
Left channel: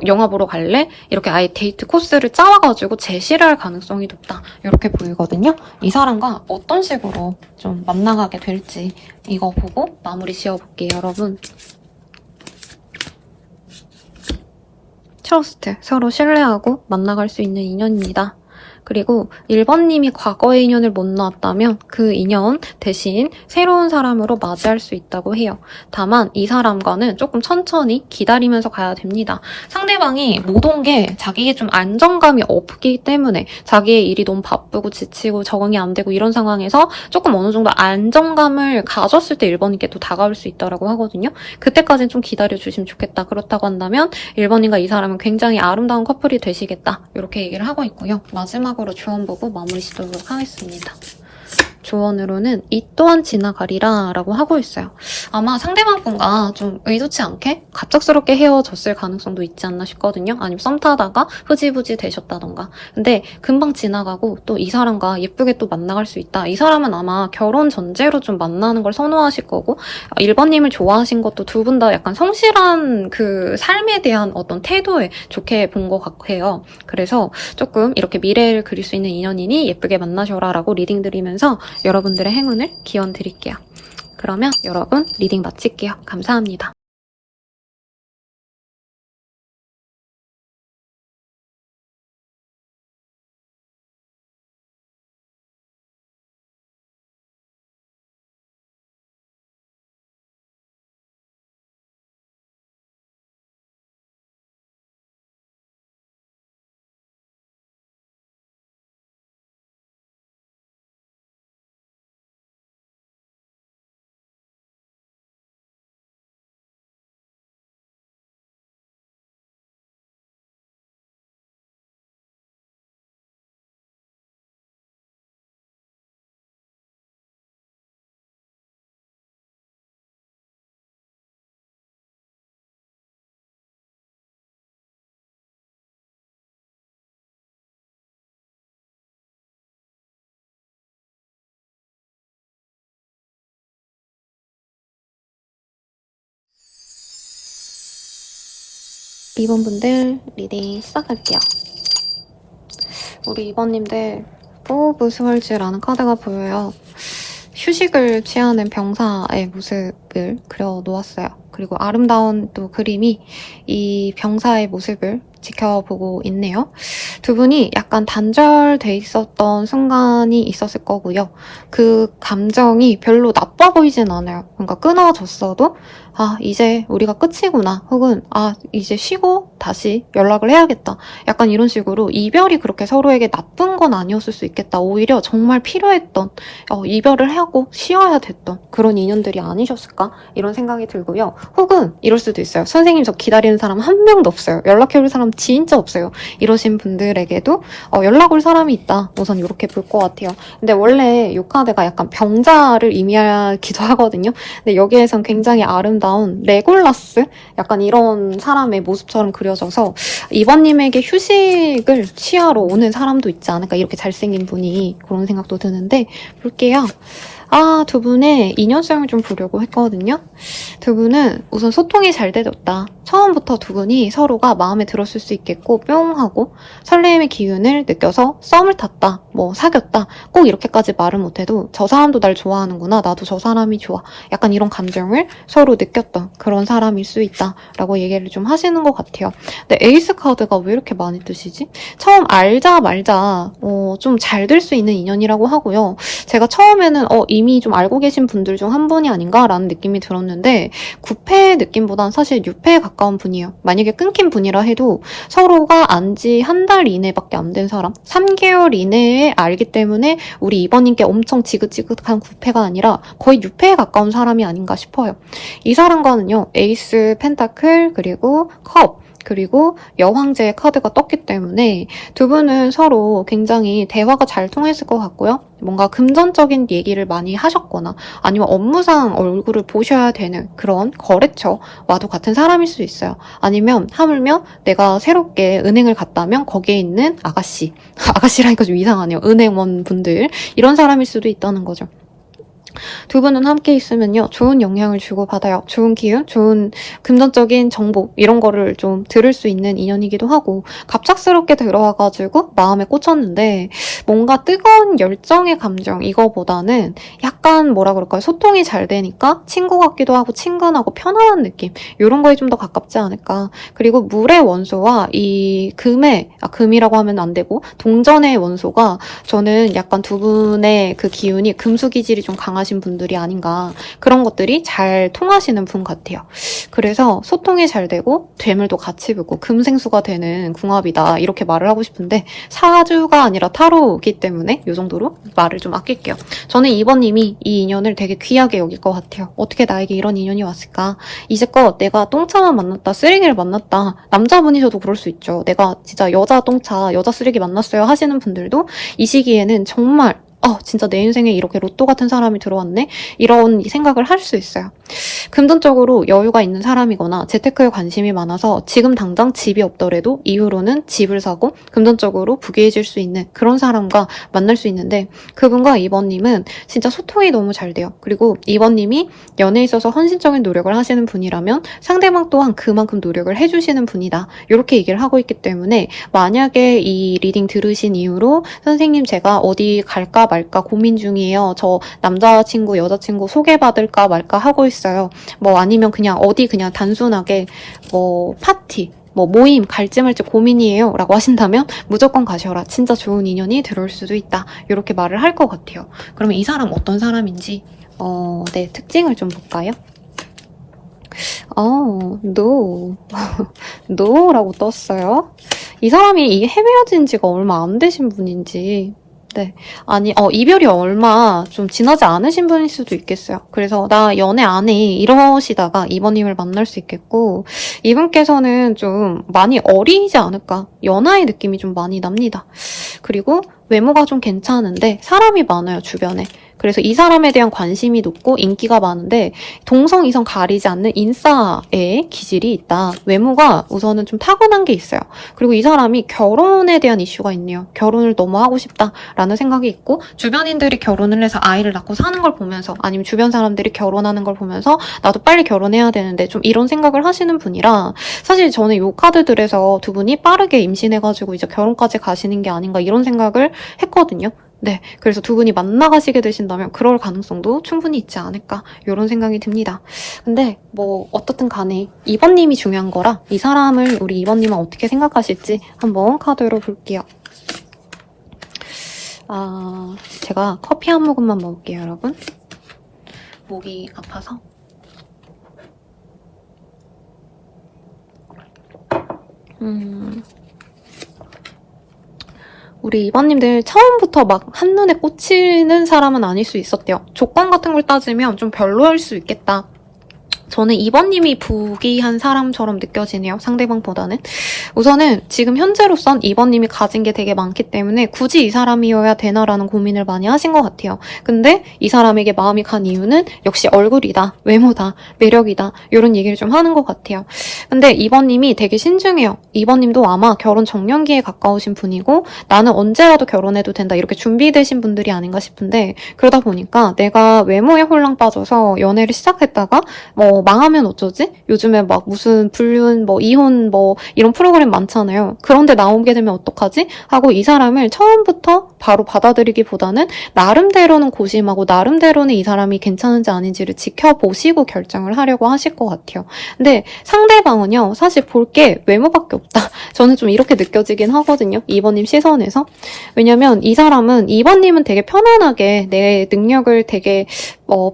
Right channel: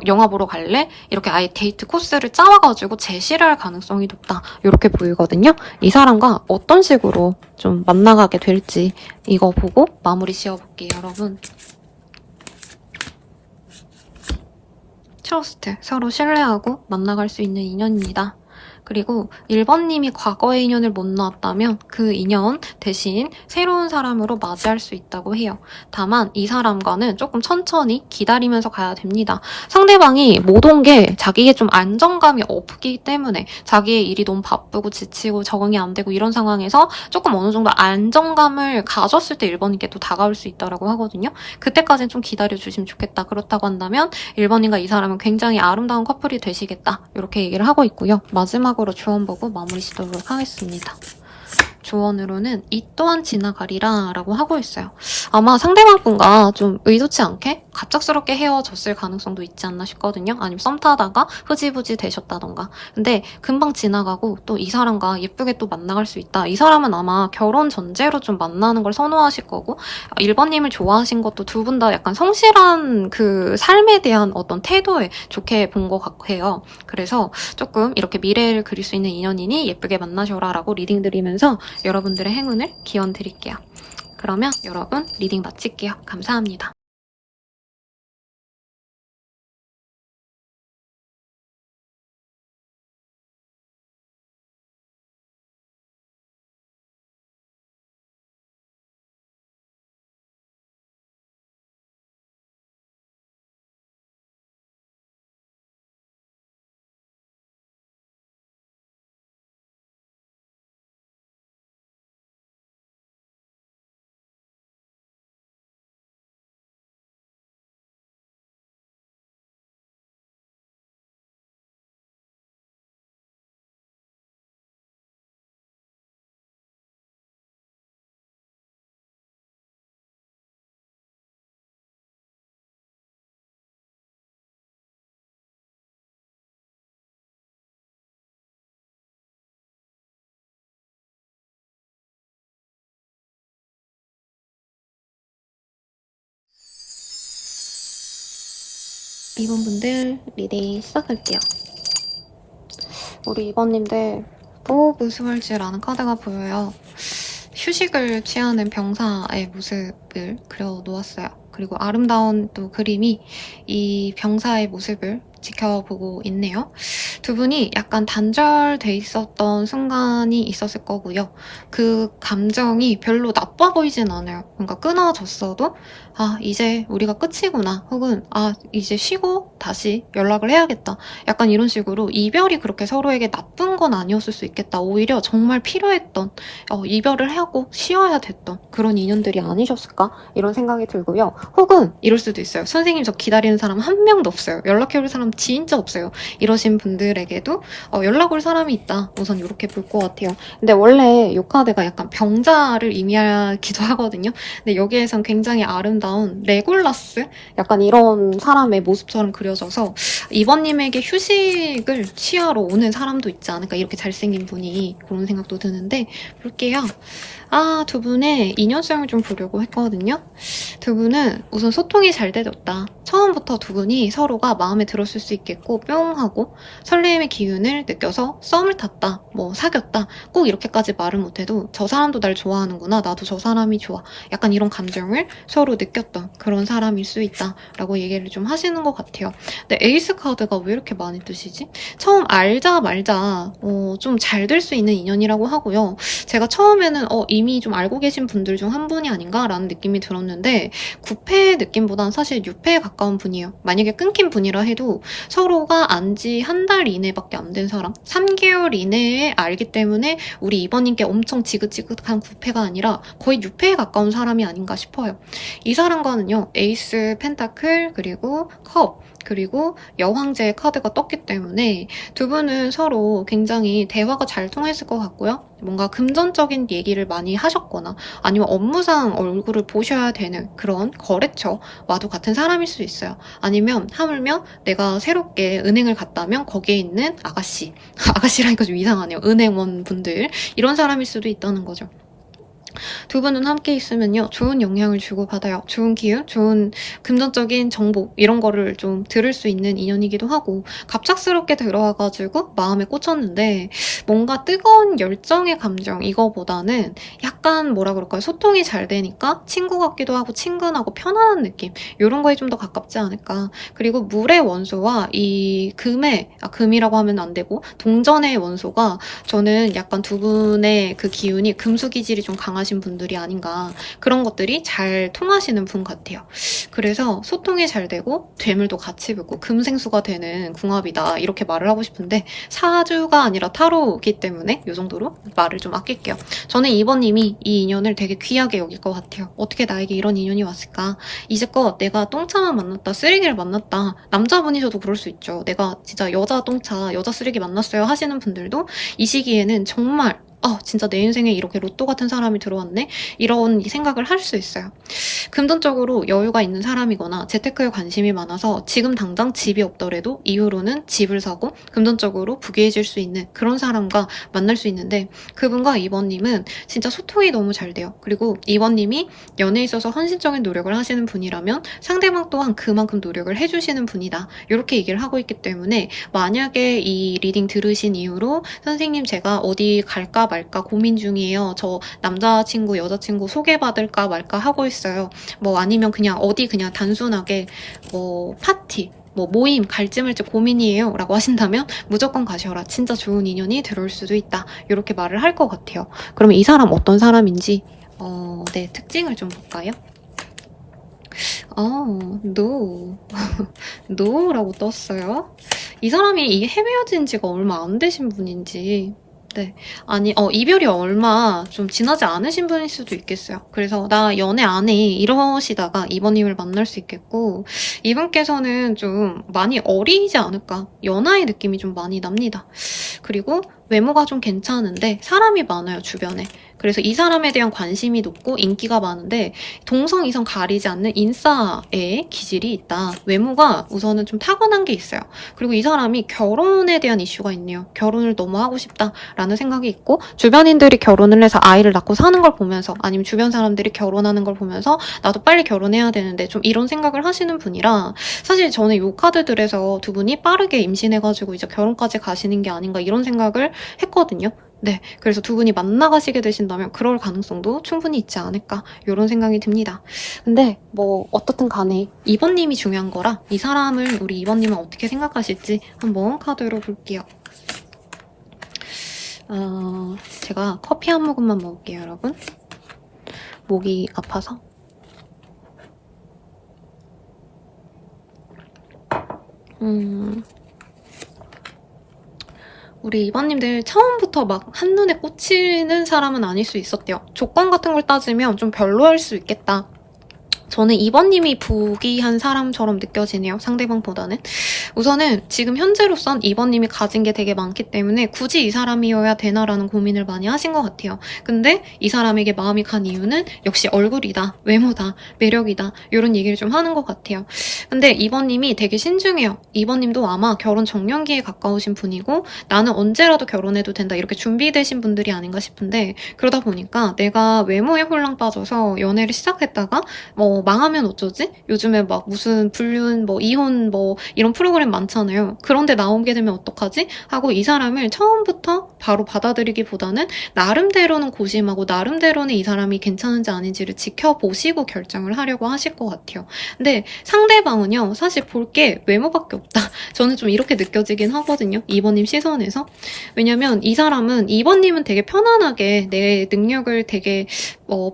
영화 보러 갈래? 이렇게 아예 데이트 코스를 짜와가지고 제시를 할 가능성이 높다, 이렇게 보이거든요. 이 사람과 어떤 식으로 좀 만나가게 될지 이거 보고 마무리 지어볼게요, 여러분. 트러스트, 서로 신뢰하고 만나갈 수 있는 인연입니다. 그리고 1번님이 과거의 인연을 못 놓았다면 그 인연 대신 새로운 사람으로 맞이할 수 있다고 해요. 다만 이 사람과는 조금 천천히 기다리면서 가야 됩니다. 상대방이 못 온 게 자기에 좀 안정감이 없기 때문에, 자기의 일이 너무 바쁘고 지치고 적응이 안 되고 이런 상황에서 조금 어느 정도 안정감을 가졌을 때 1번님께 또 다가올 수 있다고 하거든요. 그때까지는 좀 기다려주시면 좋겠다. 그렇다고 한다면 1번님과 이 사람은 굉장히 아름다운 커플이 되시겠다, 이렇게 얘기를 하고 있고요. 마지막으로 조언 보고 마무리 짓도록 하겠습니다. 조언으로는 이 또한 지나가리라 라고 하고 있어요. 아마 상대방분과 좀 의도치 않게 갑작스럽게 헤어졌을 가능성도 있지 않나 싶거든요. 아니면 썸 타다가 흐지부지 되셨다던가. 근데 금방 지나가고 또 이 사람과 예쁘게 또 만나갈 수 있다. 이 사람은 아마 결혼 전제로 좀 만나는 걸 선호하실 거고, 1번님을 좋아하신 것도 두 분 다 약간 성실한 그 삶에 대한 어떤 태도에 좋게 본 것 같아요. 그래서 조금 이렇게 미래를 그릴 수 있는 인연이니 예쁘게 만나셔라 라고 리딩 드리면서 여러분들의 행운을 기원 드릴게요. 그러면 여러분 리딩 마칠게요. 감사합니다. 2번분들 리딩 시작할게요. 우리 2번님들 또 무수할지라는 카드가 보여요. 휴식을 취하는 병사의 모습을 그려놓았어요. 그리고 아름다운 또 그림이 이 병사의 모습을 지켜보고 있네요. 두 분이 약간 단절돼 있었던 순간이 있었을 거고요. 그 감정이 별로 나빠 보이진 않아요. 그러니까 끊어졌어도 아, 이제 우리가 끝이구나. 혹은 아, 이제 쉬고 다시 연락을 해야겠다. 약간 이런 식으로 이별이 그렇게 서로에게 나쁜 건 아니었을 수 있겠다. 오히려 정말 필요했던 이별을 하고 쉬어야 됐던 그런 인연들이 아니셨을까? 이런 생각이 들고요. 혹은 이럴 수도 있어요. 선생님 저 기다리는 사람 한 명도 없어요. 연락해올 사람 진짜 없어요. 이러신 분들에게도 연락 올 사람이 있다. 우선 이렇게 볼 것 같아요. 근데 원래 이 카드가 약간 병자를 의미하기도 하거든요. 근데 여기에선 굉장히 아름다운 레골라스? 약간 이런 사람의 모습처럼 그려져서 이번님에게 휴식을 취하러 오는 사람도 있지 않을까. 이렇게 잘생긴 분이 그런 생각도 드는데 볼게요. 아, 두 분의 인연성을 좀 보려고 했거든요. 두 분은 우선 소통이 잘 되었다. 처음부터 두 분이 서로가 마음에 들었을 수 있겠고 뿅 하고 설렘의 기운을 느껴서 썸을 탔다. 뭐 사귀었다. 꼭 이렇게까지 말을 못해도 저 사람도 날 좋아하는구나. 나도 저 사람이 좋아. 약간 이런 감정을 서로 느꼈던 그런 사람일 수 있다라고 얘기를 좀 하시는 것 같아요. 근데 에이스 카드가 왜 이렇게 많이 뜨시지? 처음 알자 말자 좀 잘 될 수 있는 인연이라고 하고요. 제가 처음에는 이미 좀 알고 계신 분들 중 한 분이 아닌가라는 느낌이 들었는데 9패 느낌보단 사실 6패에 가까운 분이에요. 만약에 끊긴 분이라 해도 서로가 안지 한 달 이내밖에 안 된 사람, 3개월 이내에 알기 때문에 우리 이번님께 엄청 지긋지긋한 9패가 아니라 거의 6패에 가까운 사람이 아닌가 싶어요. 이 사람과는요, 에이스, 펜타클, 그리고 컵, 그리고 여왕제의 카드가 떴기 때문에 두 분은 서로 굉장히 대화가 잘 통했을 것 같고요. 뭔가 금전적인 얘기를 많이 하셨거나 아니면 업무상 얼굴을 보셔야 되는 그런 거래처와도 같은 사람일 수 있어요. 아니면 하물며 내가 새롭게 은행을 갔다면 거기에 있는 아가씨, 아가씨라니까 좀 이상하네요. 은행원 분들 이런 사람일 수도 있다는 거죠. 두 분은 함께 있으면요, 좋은 영향을 주고받아요. 좋은 기운, 좋은 금전적인 정보, 이런 거를 좀 들을 수 있는 인연이기도 하고, 갑작스럽게 들어와가지고 마음에 꽂혔는데, 뭔가 뜨거운 열정의 감정, 이거보다는 약간 뭐라 그럴까요? 소통이 잘 되니까 친구 같기도 하고, 친근하고, 편안한 느낌, 이런 거에 좀 더 가깝지 않을까. 그리고 물의 원소와 이 금이라고 하면 안 되고, 동전의 원소가 저는 약간 두 분의 그 기운이 금수 기질이 좀 강하신 분들이 아닌가, 그런 것들이 잘 통하시는 분 같아요. 그래서 소통이 잘 되고 괴물도 같이 붙고 금생수가 되는 궁합이다, 이렇게 말을 하고 싶은데 사주가 아니라 타로이기 때문에 이 정도로 말을 좀 아낄게요. 저는 2번님이 이 인연을 되게 귀하게 여길 것 같아요. 어떻게 나에게 이런 인연이 왔을까? 이제껏 내가 똥차만 만났다, 쓰레기를 만났다, 남자분이셔도 그럴 수 있죠. 내가 진짜 여자 똥차, 여자 쓰레기 만났어요 하시는 분들도 이 시기에는 정말 진짜 내 인생에 이렇게 로또 같은 사람이 들어왔네? 이런 생각을 할 수 있어요. 금전적으로 여유가 있는 사람이거나 재테크에 관심이 많아서 지금 당장 집이 없더라도 이후로는 집을 사고 금전적으로 부귀해질 수 있는 그런 사람과 만날 수 있는데, 그분과 2번님은 진짜 소통이 너무 잘 돼요. 그리고 2번님이 연애에 있어서 헌신적인 노력을 하시는 분이라면 상대방 또한 그만큼 노력을 해주시는 분이다, 이렇게 얘기를 하고 있기 때문에 만약에 이 리딩 들으신 이후로 선생님 제가 어디 갈까 말까 고민 중이에요. 저 남자친구, 여자친구 소개받을까 말까 하고 있어요. 뭐 아니면 그냥 어디 그냥 단순하게 뭐 파티, 뭐 모임 갈지 말지 고민이에요 라고 하신다면 무조건 가셔라. 진짜 좋은 인연이 들어올 수도 있다. 이렇게 말을 할 것 같아요. 그러면 이 사람 어떤 사람인지 네, 특징을 좀 볼까요? no. no라고 떴어요. 이 사람이 헤어진 지가 얼마 안 되신 분인지, 네. 아니, 이별이 얼마 좀 지나지 않으신 분일 수도 있겠어요. 그래서 나 연애 안 해, 이러시다가 이번님을 만날 수 있겠고, 이분께서는 좀 많이 어리지 않을까. 연하의 느낌이 좀 많이 납니다. 그리고 외모가 좀 괜찮은데 사람이 많아요, 주변에. 그래서 이 사람에 대한 관심이 높고 인기가 많은데 동성, 이성 가리지 않는 인싸의 기질이 있다. 외모가 우선은 좀 타고난 게 있어요. 그리고 이 사람이 결혼에 대한 이슈가 있네요. 결혼을 너무 하고 싶다라는 생각이 있고 주변인들이 결혼을 해서 아이를 낳고 사는 걸 보면서 아니면 주변 사람들이 결혼하는 걸 보면서 나도 빨리 결혼해야 되는데 좀 이런 생각을 하시는 분이라 사실 저는 이 카드들에서 두 분이 빠르게 임신해가지고 이제 결혼까지 가시는 게 아닌가 이런 생각을 했거든요. 네, 그래서 두 분이 만나가시게 되신다면 그럴 가능성도 충분히 있지 않을까 이런 생각이 듭니다. 근데 뭐 어떻든 간에 2번님이 중요한 거라 이 사람을 우리 2번님은 어떻게 생각하실지 한번 카드로 볼게요. 제가 커피 한 모금만 먹을게요, 여러분. 목이 아파서. 우리 2번님들 처음부터 막 한눈에 꽂히는 사람은 아닐 수 있었대요. 조건 같은 걸 따지면 좀 별로일 수 있겠다. 저는 2번님이 부기한 사람처럼 느껴지네요. 상대방보다는. 우선은 지금 현재로선 2번님이 가진 게 되게 많기 때문에 굳이 이 사람이어야 되나라는 고민을 많이 하신 것 같아요. 근데 이 사람에게 마음이 간 이유는 역시 얼굴이다, 외모다, 매력이다 이런 얘기를 좀 하는 것 같아요. 근데 2번님이 되게 신중해요. 2번님도 아마 결혼 정년기에 가까우신 분이고 나는 언제라도 결혼해도 된다 이렇게 준비되신 분들이 아닌가 싶은데 그러다 보니까 내가 외모에 홀랑 빠져서 연애를 시작했다가 망하면 어쩌지? 요즘에 막 무슨 불륜, 이혼, 이런 프로그램 많잖아요. 그런데 나오게 되면 어떡하지? 하고 이 사람을 처음부터 바로 받아들이기보다는 나름대로는 고심하고 나름대로는 이 사람이 괜찮은지 아닌지를 지켜보시고 결정을 하려고 하실 것 같아요. 근데 상대방은요, 사실 볼 게 외모밖에 없다. 저는 좀 이렇게 느껴지긴 하거든요. 2번님 시선에서. 왜냐면 이 사람은 2번님은 되게 편안하게 내 능력을 되게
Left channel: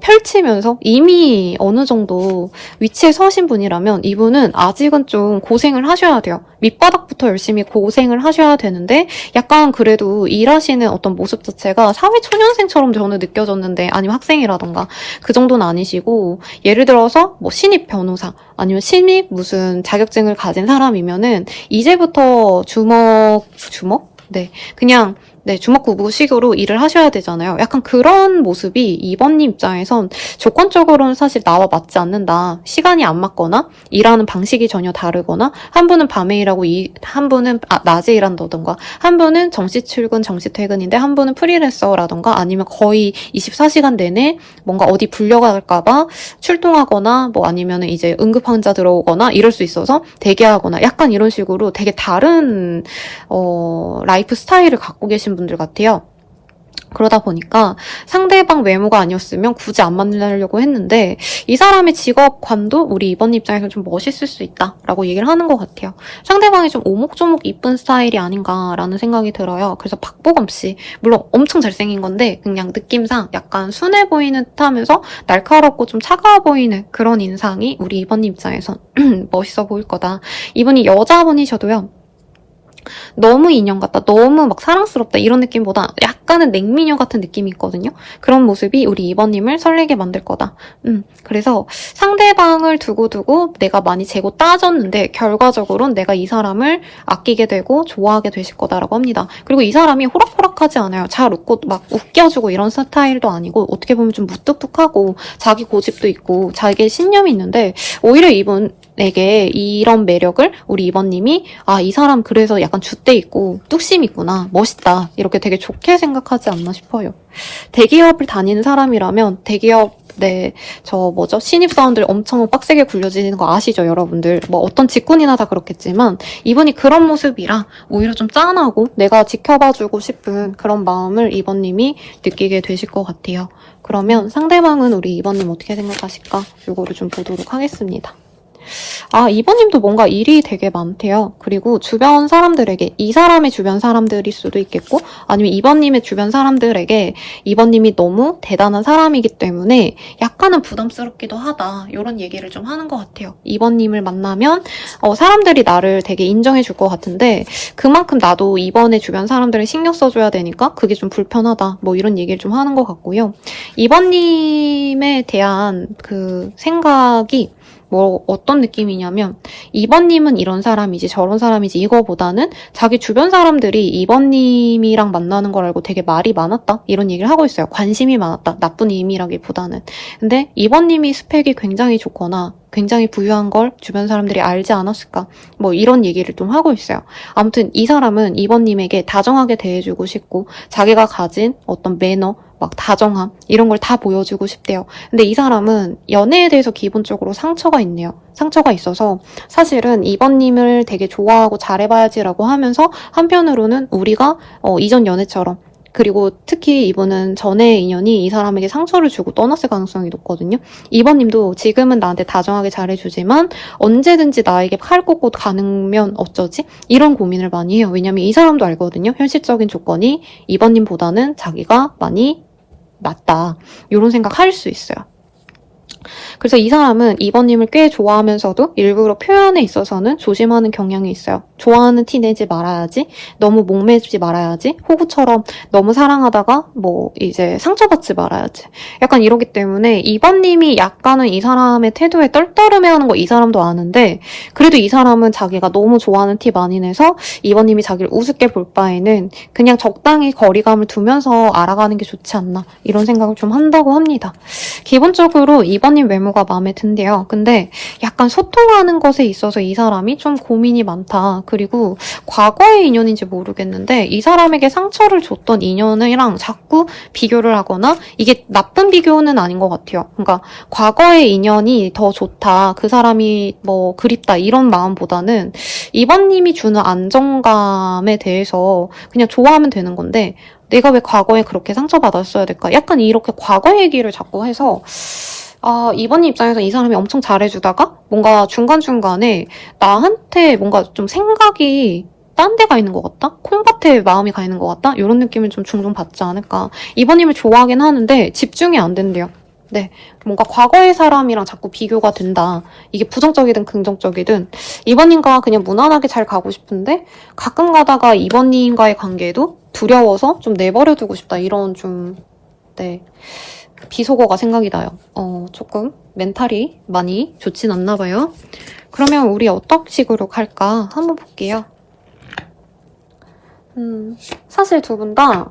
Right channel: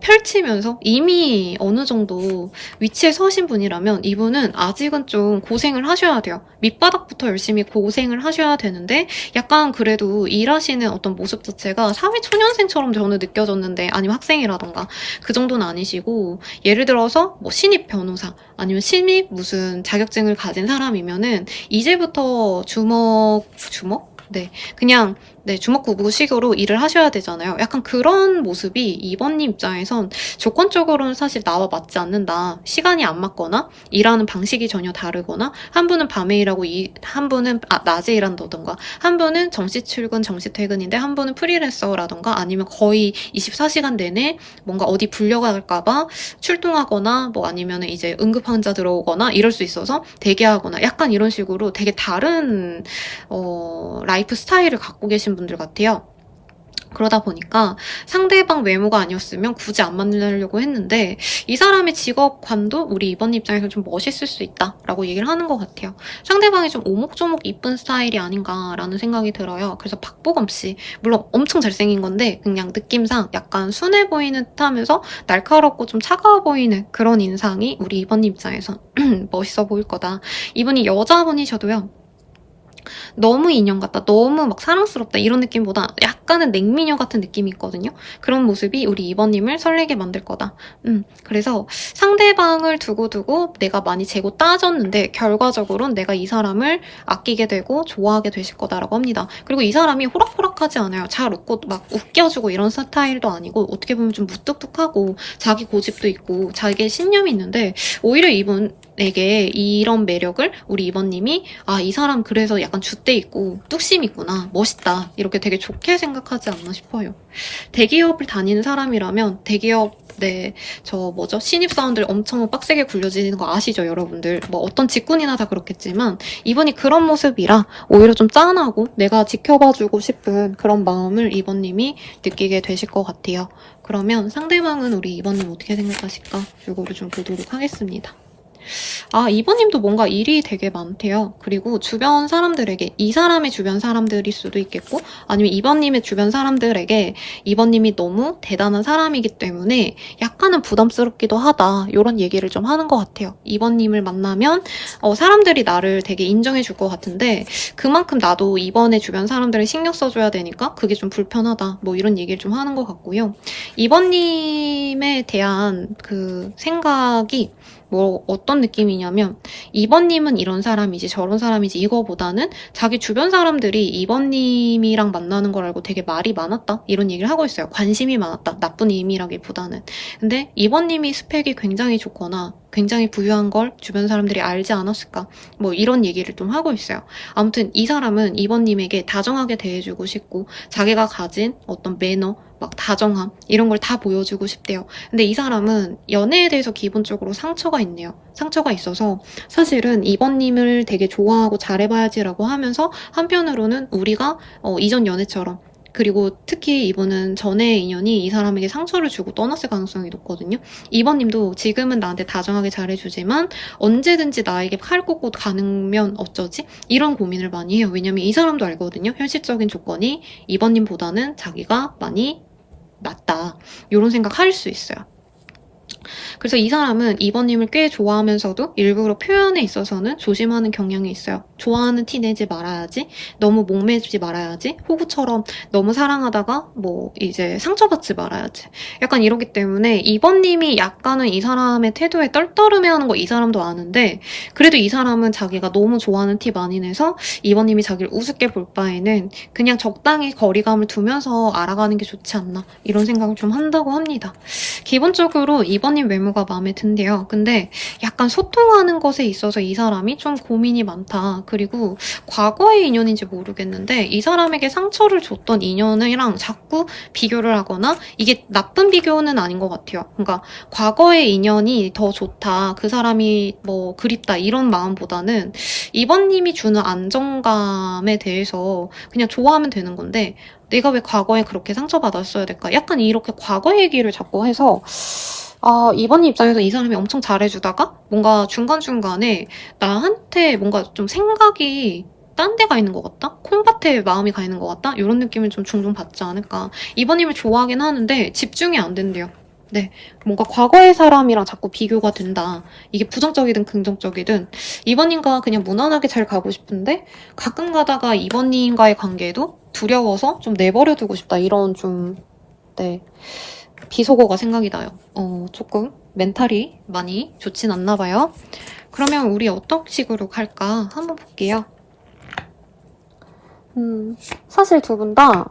펼치면서 이미 어느 정도 위치에 서신 분이라면 이분은 아직은 좀 고생을 하셔야 돼요. 밑바닥부터 열심히 고생을 하셔야 되는데 약간 그래도 일하시는 어떤 모습 자체가 사회초년생처럼 저는 느껴졌는데 아니면 학생이라던가 그 정도는 아니시고 예를 들어서 신입 변호사 아니면 신입 무슨 자격증을 가진 사람이면은 이제부터 주먹? 네, 그냥 주먹구구식으로 일을 하셔야 되잖아요. 약간 그런 모습이 2번님 입장에선 조건적으로는 사실 나와 맞지 않는다. 시간이 안 맞거나 일하는 방식이 전혀 다르거나 한 분은 밤에 일하고 한 분은 낮에 일한다던가 한 분은 정시 출근, 정시 퇴근인데 한 분은 프리랜서라던가 아니면 거의 24시간 내내 뭔가 어디 불려갈까봐 출동하거나 아니면 이제 응급 환자 들어오거나 이럴 수 있어서 대기하거나 약간 이런 식으로 되게 다른 라이프 스타일을 갖고 계신 분들 같아요. 그러다 보니까 상대방 외모가 아니었으면 굳이 안 만나려고 했는데 이 사람의 직업관도 우리 2번 입장에서 좀 멋있을 수 있다라고 얘기를 하는 것 같아요. 상대방이 좀 오목조목 이쁜 스타일이 아닌가라는 생각이 들어요. 그래서 박보검 씨 물론 엄청 잘생긴 건데 그냥 느낌상 약간 순해 보이는 듯하면서 날카롭고 좀 차가워 보이는 그런 인상이 우리 2번 입장에선 멋있어 보일 거다. 이분이 여자분이셔도요. 너무 인형 같다, 너무 막 사랑스럽다 이런 느낌보다 약간은 냉미녀 같은 느낌이 있거든요. 그런 모습이 우리 2번님을 설레게 만들 거다. 그래서 상대방을 두고 내가 많이 재고 따졌는데 결과적으로는 내가 이 사람을 아끼게 되고 좋아하게 되실 거다라고 합니다. 그리고 이 사람이 호락호락하지 않아요. 잘 웃고 막 웃겨주고 이런 스타일도 아니고 어떻게 보면 좀 무뚝뚝하고 자기 고집도 있고 자기의 신념이 있는데 오히려 이분에게 이런 매력을 우리 2번님이 이 사람 그래서 약간 줏대 있고 뚝심 있구나, 멋있다 이렇게 되게 좋게 생각하지 않나 싶어요. 대기업을 다니는 사람이라면 대기업 신입사원들 엄청 빡세게 굴려지는 거 아시죠, 여러분들? 어떤 직군이나 다 그렇겠지만 이분이 그런 모습이라 오히려 좀 짠하고 내가 지켜봐주고 싶은 그런 마음을 2번님이 느끼게 되실 것 같아요. 그러면 상대방은 우리 2번님 어떻게 생각하실까? 이거를 좀 보도록 하겠습니다. 2번님도 뭔가 일이 되게 많대요. 그리고 주변 사람들에게, 이 사람의 주변 사람들일 수도 있겠고 아니면 2번님의 주변 사람들에게 2번님이 너무 대단한 사람이기 때문에 약간은 부담스럽기도 하다 이런 얘기를 좀 하는 것 같아요. 2번님을 만나면 사람들이 나를 되게 인정해 줄 것 같은데 그만큼 나도 2번의 주변 사람들을 신경 써줘야 되니까 그게 좀 불편하다 이런 얘기를 좀 하는 것 같고요. 2번님에 대한 그 생각이 뭐 어떤 느낌이냐면 2번님은 이런 사람이지 저런 사람이지 이거보다는 자기 주변 사람들이 2번님이랑 만나는 걸 알고 되게 말이 많았다 이런 얘기를 하고 있어요. 관심이 많았다. 나쁜 의미라기보다는. 근데 2번님이 스펙이 굉장히 좋거나 굉장히 부유한 걸 주변 사람들이 알지 않았을까 뭐 이런 얘기를 좀 하고 있어요. 아무튼 이 사람은 2번님에게 다정하게 대해주고 싶고 자기가 가진 어떤 매너 막 다정함 이런 걸 다 보여주고 싶대요. 근데 이 사람은 연애에 대해서 기본적으로 상처가 있네요. 상처가 있어서 사실은 2번님을 되게 좋아하고 잘해봐야지라고 하면서 한편으로는 우리가 이전 연애처럼 그리고 특히 이분은 전의 인연이 이 사람에게 상처를 주고 떠났을 가능성이 높거든요. 2번님도 지금은 나한테 다정하게 잘해주지만 언제든지 나에게 칼 꽂고 가능면 어쩌지? 이런 고민을 많이 해요. 왜냐면 이 사람도 알거든요. 현실적인 조건이 2번님보다는 자기가 많이 낫다. 이런 생각 할 수 있어요. 그래서 이 사람은 2번님을 꽤 좋아하면서도 일부러 표현에 있어서는 조심하는 경향이 있어요. 좋아하는 티 내지 말아야지, 너무 목매지 말아야지, 호구처럼 너무 사랑하다가 뭐 이제 상처받지 말아야지. 약간 이러기 때문에 2번님이 약간은 이 사람의 태도에 떨떠름해하는 거 이 사람도 아는데 그래도 이 사람은 자기가 너무 좋아하는 티 많이 내서 2번님이 자기를 우습게 볼 바에는 그냥 적당히 거리감을 두면서 알아가는 게 좋지 않나 이런 생각을 좀 한다고 합니다. 기본적으로 2번님 외모가 마음에 든대요. 근데 약간 소통하는 것에 있어서 이 사람이 좀 고민이 많다. 그리고 과거의 인연인지 모르겠는데 이 사람에게 상처를 줬던 인연이랑 자꾸 비교를 하거나 이게 나쁜 비교는 아닌 것 같아요. 그러니까 과거의 인연이 더 좋다. 그 사람이 뭐 그립다. 이런 마음보다는 2번님이 주는 안정감에 대해서 그냥 좋아하면 되는 건데 내가 왜 과거에 그렇게 상처받았어야 될까? 약간 이렇게 과거 얘기를 자꾸 해서 2번님 입장에서 이 사람이 엄청 잘해주다가 뭔가 중간중간에 나한테 뭔가 좀 생각이 딴 데가 있는 것 같다? 콩밭에 마음이 가 있는 것 같다? 이런 느낌을 좀 종종 받지 않을까. 2번님을 좋아하긴 하는데 집중이 안 된대요. 네. 뭔가 과거의 사람이랑 자꾸 비교가 된다. 이게 부정적이든 긍정적이든 2번님과 그냥 무난하게 잘 가고 싶은데 가끔 가다가 2번님과의 관계도 두려워서 좀 내버려두고 싶다. 이런 좀 네. 비속어가 생각이 나요. 조금 멘탈이 많이 좋진 않나 봐요. 그러면 우리 어떤 식으로 갈까 한번 볼게요. 사실 두 분 다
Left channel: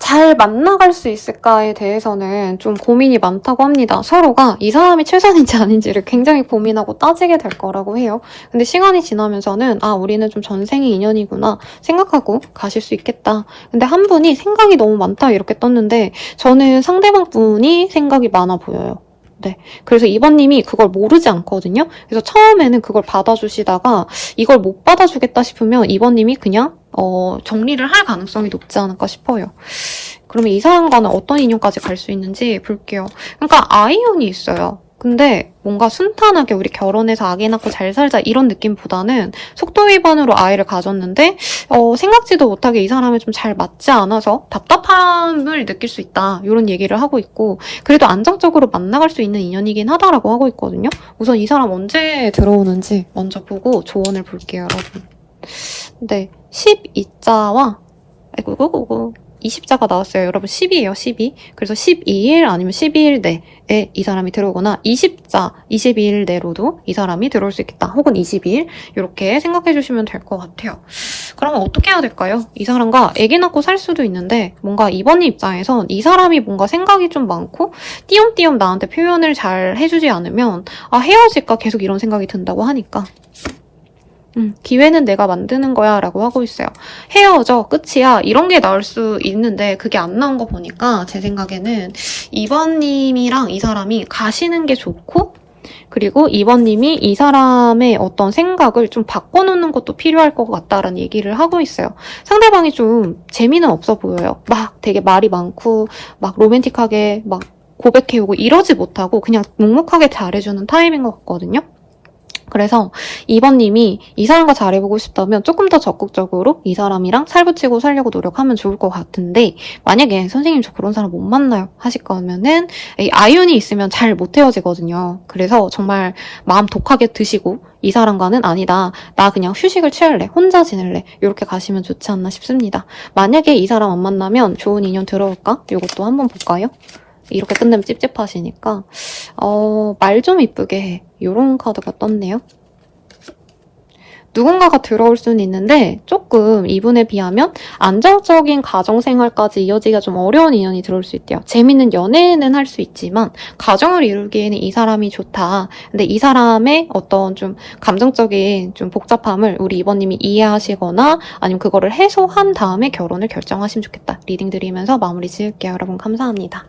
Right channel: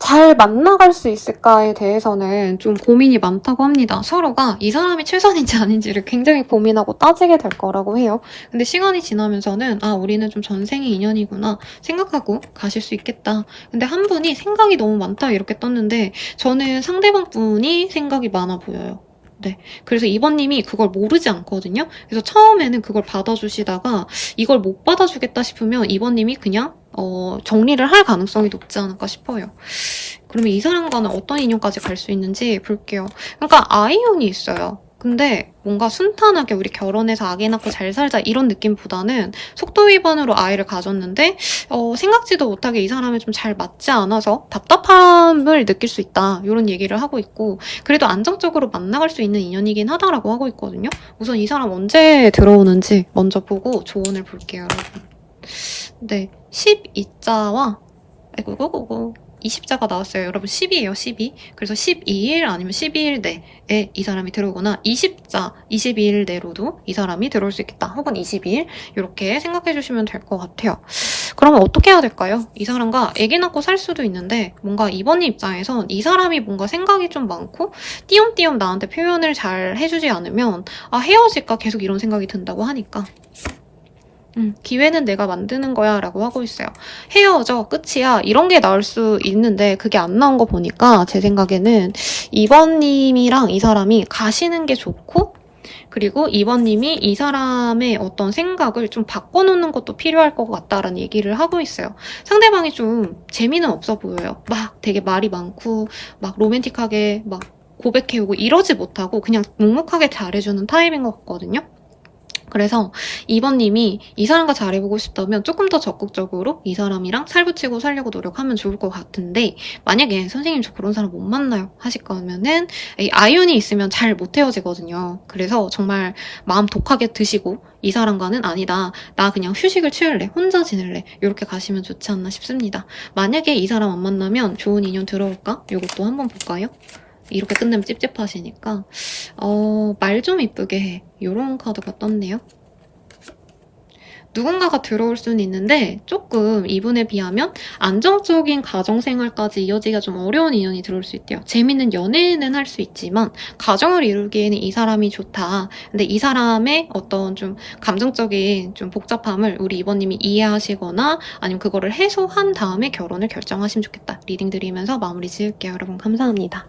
잘 만나갈 수 있을까에 대해서는 좀 고민이 많다고 합니다. 서로가 이 사람이 최선인지 아닌지를 굉장히 고민하고 따지게 될 거라고 해요. 근데 시간이 지나면서는 우리는 좀 전생의 인연이구나 생각하고 가실 수 있겠다. 근데 한 분이 생각이 너무 많다 이렇게 떴는데 저는 상대방 분이 생각이 많아 보여요. 네. 그래서 2번님이 그걸 모르지 않거든요. 그래서 처음에는 그걸 받아주시다가 이걸 못 받아주겠다 싶으면 2번님이 그냥 정리를 할 가능성이 높지 않을까 싶어요. 그러면 이 사람과는 어떤 인연까지 갈 수 있는지 볼게요. 그러니까 아이언이 있어요. 근데 뭔가 순탄하게 우리 결혼해서 아기 낳고 잘 살자 이런 느낌보다는 속도 위반으로 아이를 가졌는데 생각지도 못하게 이 사람이 좀 잘 맞지 않아서 답답함을 느낄 수 있다 이런 얘기를 하고 있고 그래도 안정적으로 만나갈 수 있는 인연이긴 하다라고 하고 있거든요. 우선 이 사람 언제 들어오는지 먼저 보고 조언을 볼게요, 여러분. 네, 12자와 아이고 20자가 나왔어요. 여러분 10이에요. 12. 그래서 12일 아니면 12일 내에 이 사람이 들어오거나 20자, 22일 내로도 이 사람이 들어올 수 있겠다. 혹은 22일 이렇게 생각해 주시면 될 것 같아요. 그러면 어떻게 해야 될까요? 이 사람과 애기 낳고 살 수도 있는데 뭔가 2번님 입장에선 이 사람이 뭔가 생각이 좀 많고 띄엄띄엄 나한테 표현을 잘 해주지 않으면 헤어질까 계속 이런 생각이 든다고 하니까 기회는 내가 만드는 거야 라고 하고 있어요. 헤어져 끝이야 이런 게 나올 수 있는데 그게 안 나온 거 보니까 제 생각에는 2번님이랑 이 사람이 가시는 게 좋고 그리고 2번님이 이 사람의 어떤 생각을 좀 바꿔놓는 것도 필요할 것 같다라는 얘기를 하고 있어요. 상대방이 좀 재미는 없어 보여요. 막 되게 말이 많고 막 로맨틱하게 막 고백해오고 이러지 못하고 그냥 묵묵하게 잘해주는 타입인 것 같거든요. 그래서 2번님이 이 사람과 잘해보고 싶다면 조금 더 적극적으로 이 사람이랑 살붙이고 살려고 노력하면 좋을 것 같은데 만약에 선생님 저 그런 사람 못 만나요 하실 거면은 아이언이 있으면 잘 못 헤어지거든요. 그래서 정말 마음 독하게 드시고 이 사람과는 아니다. 나 그냥 휴식을 취할래. 혼자 지낼래. 이렇게 가시면 좋지 않나 싶습니다. 만약에 이 사람 안 만나면 좋은 인연 들어올까? 이것도 한번 볼까요? 이렇게 끝내면 찝찝하시니까 말 좀 이쁘게 해. 이런 카드가 떴네요. 누군가가 들어올 수는 있는데 조금 이분에 비하면 안정적인 가정생활까지 이어지기가 좀 어려운 인연이 들어올 수 있대요. 재밌는 연애는 할 수 있지만 가정을 이루기에는 이 사람이 좋다. 근데 이 사람의 어떤 좀 감정적인 좀 복잡함을 우리 이번님이 이해하시거나 아니면 그거를 해소한 다음에 결혼을 결정하시면 좋겠다. 리딩 드리면서 마무리 지을게요. 여러분 감사합니다.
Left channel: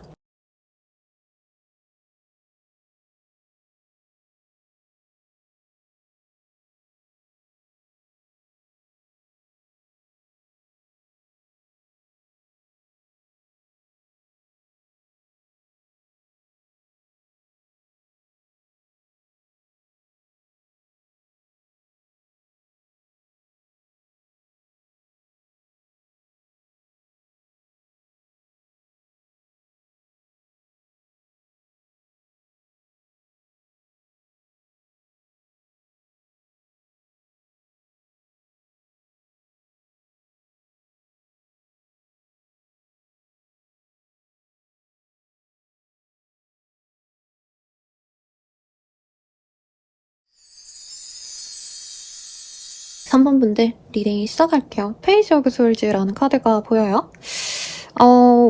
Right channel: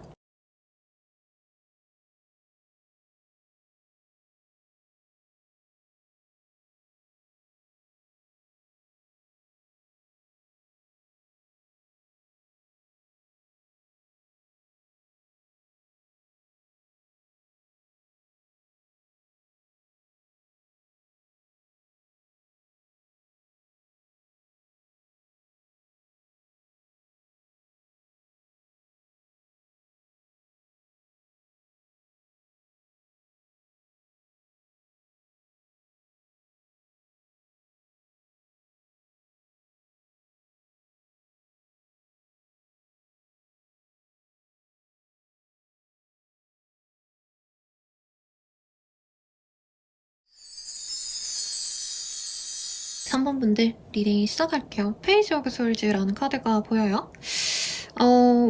3번 분들 리딩 시작할게요. 페이지 오브 솔즈라는 카드가 보여요.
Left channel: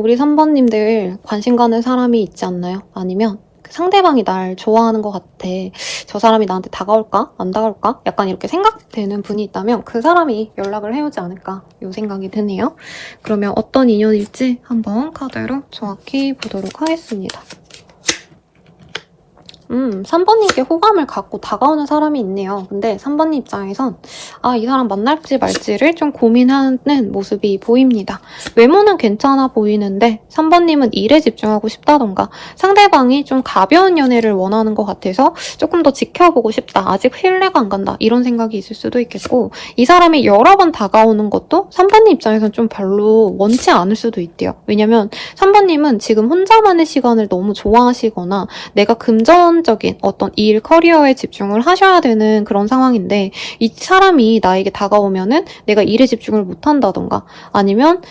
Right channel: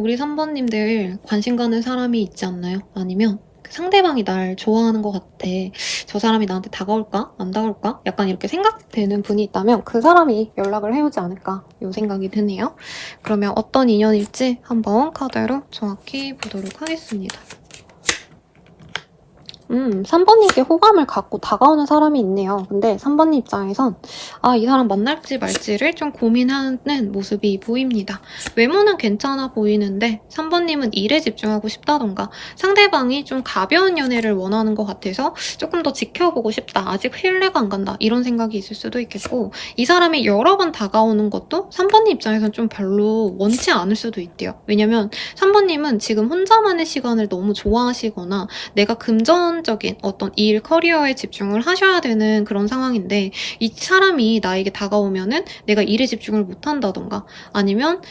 우리 3번님들 관심 가는 사람이 있지 않나요? 아니면 그 상대방이 날 좋아하는 것 같아. 저 사람이 나한테 다가올까? 안 다가올까? 약간 이렇게 생각되는 분이 있다면 그 사람이 연락을 해오지 않을까? 이 생각이 드네요. 그러면 어떤 인연일지 한번 카드로 정확히 보도록 하겠습니다. 3번님께 호감을 갖고 다가오는 사람이 있네요. 근데 3번님 입장에선 이 사람 만날지 말지를 좀 고민하는 모습이 보입니다. 외모는 괜찮아 보이는데 3번님은 일에 집중하고 싶다던가 상대방이 좀 가벼운 연애를 원하는 것 같아서 조금 더 지켜보고 싶다. 아직 신뢰가 안 간다. 이런 생각이 있을 수도 있겠고 이 사람이 여러 번 다가오는 것도 3번님 입장에선 좀 별로 원치 않을 수도 있대요. 왜냐면 3번님은 지금 혼자만의 시간을 너무 좋아하시거나 내가 금전적인 어떤 일, 커리어에 집중을 하셔야 되는 그런 상황인데 이 사람이 나에게 다가오면은 내가 일에 집중을 못한다던가 아니면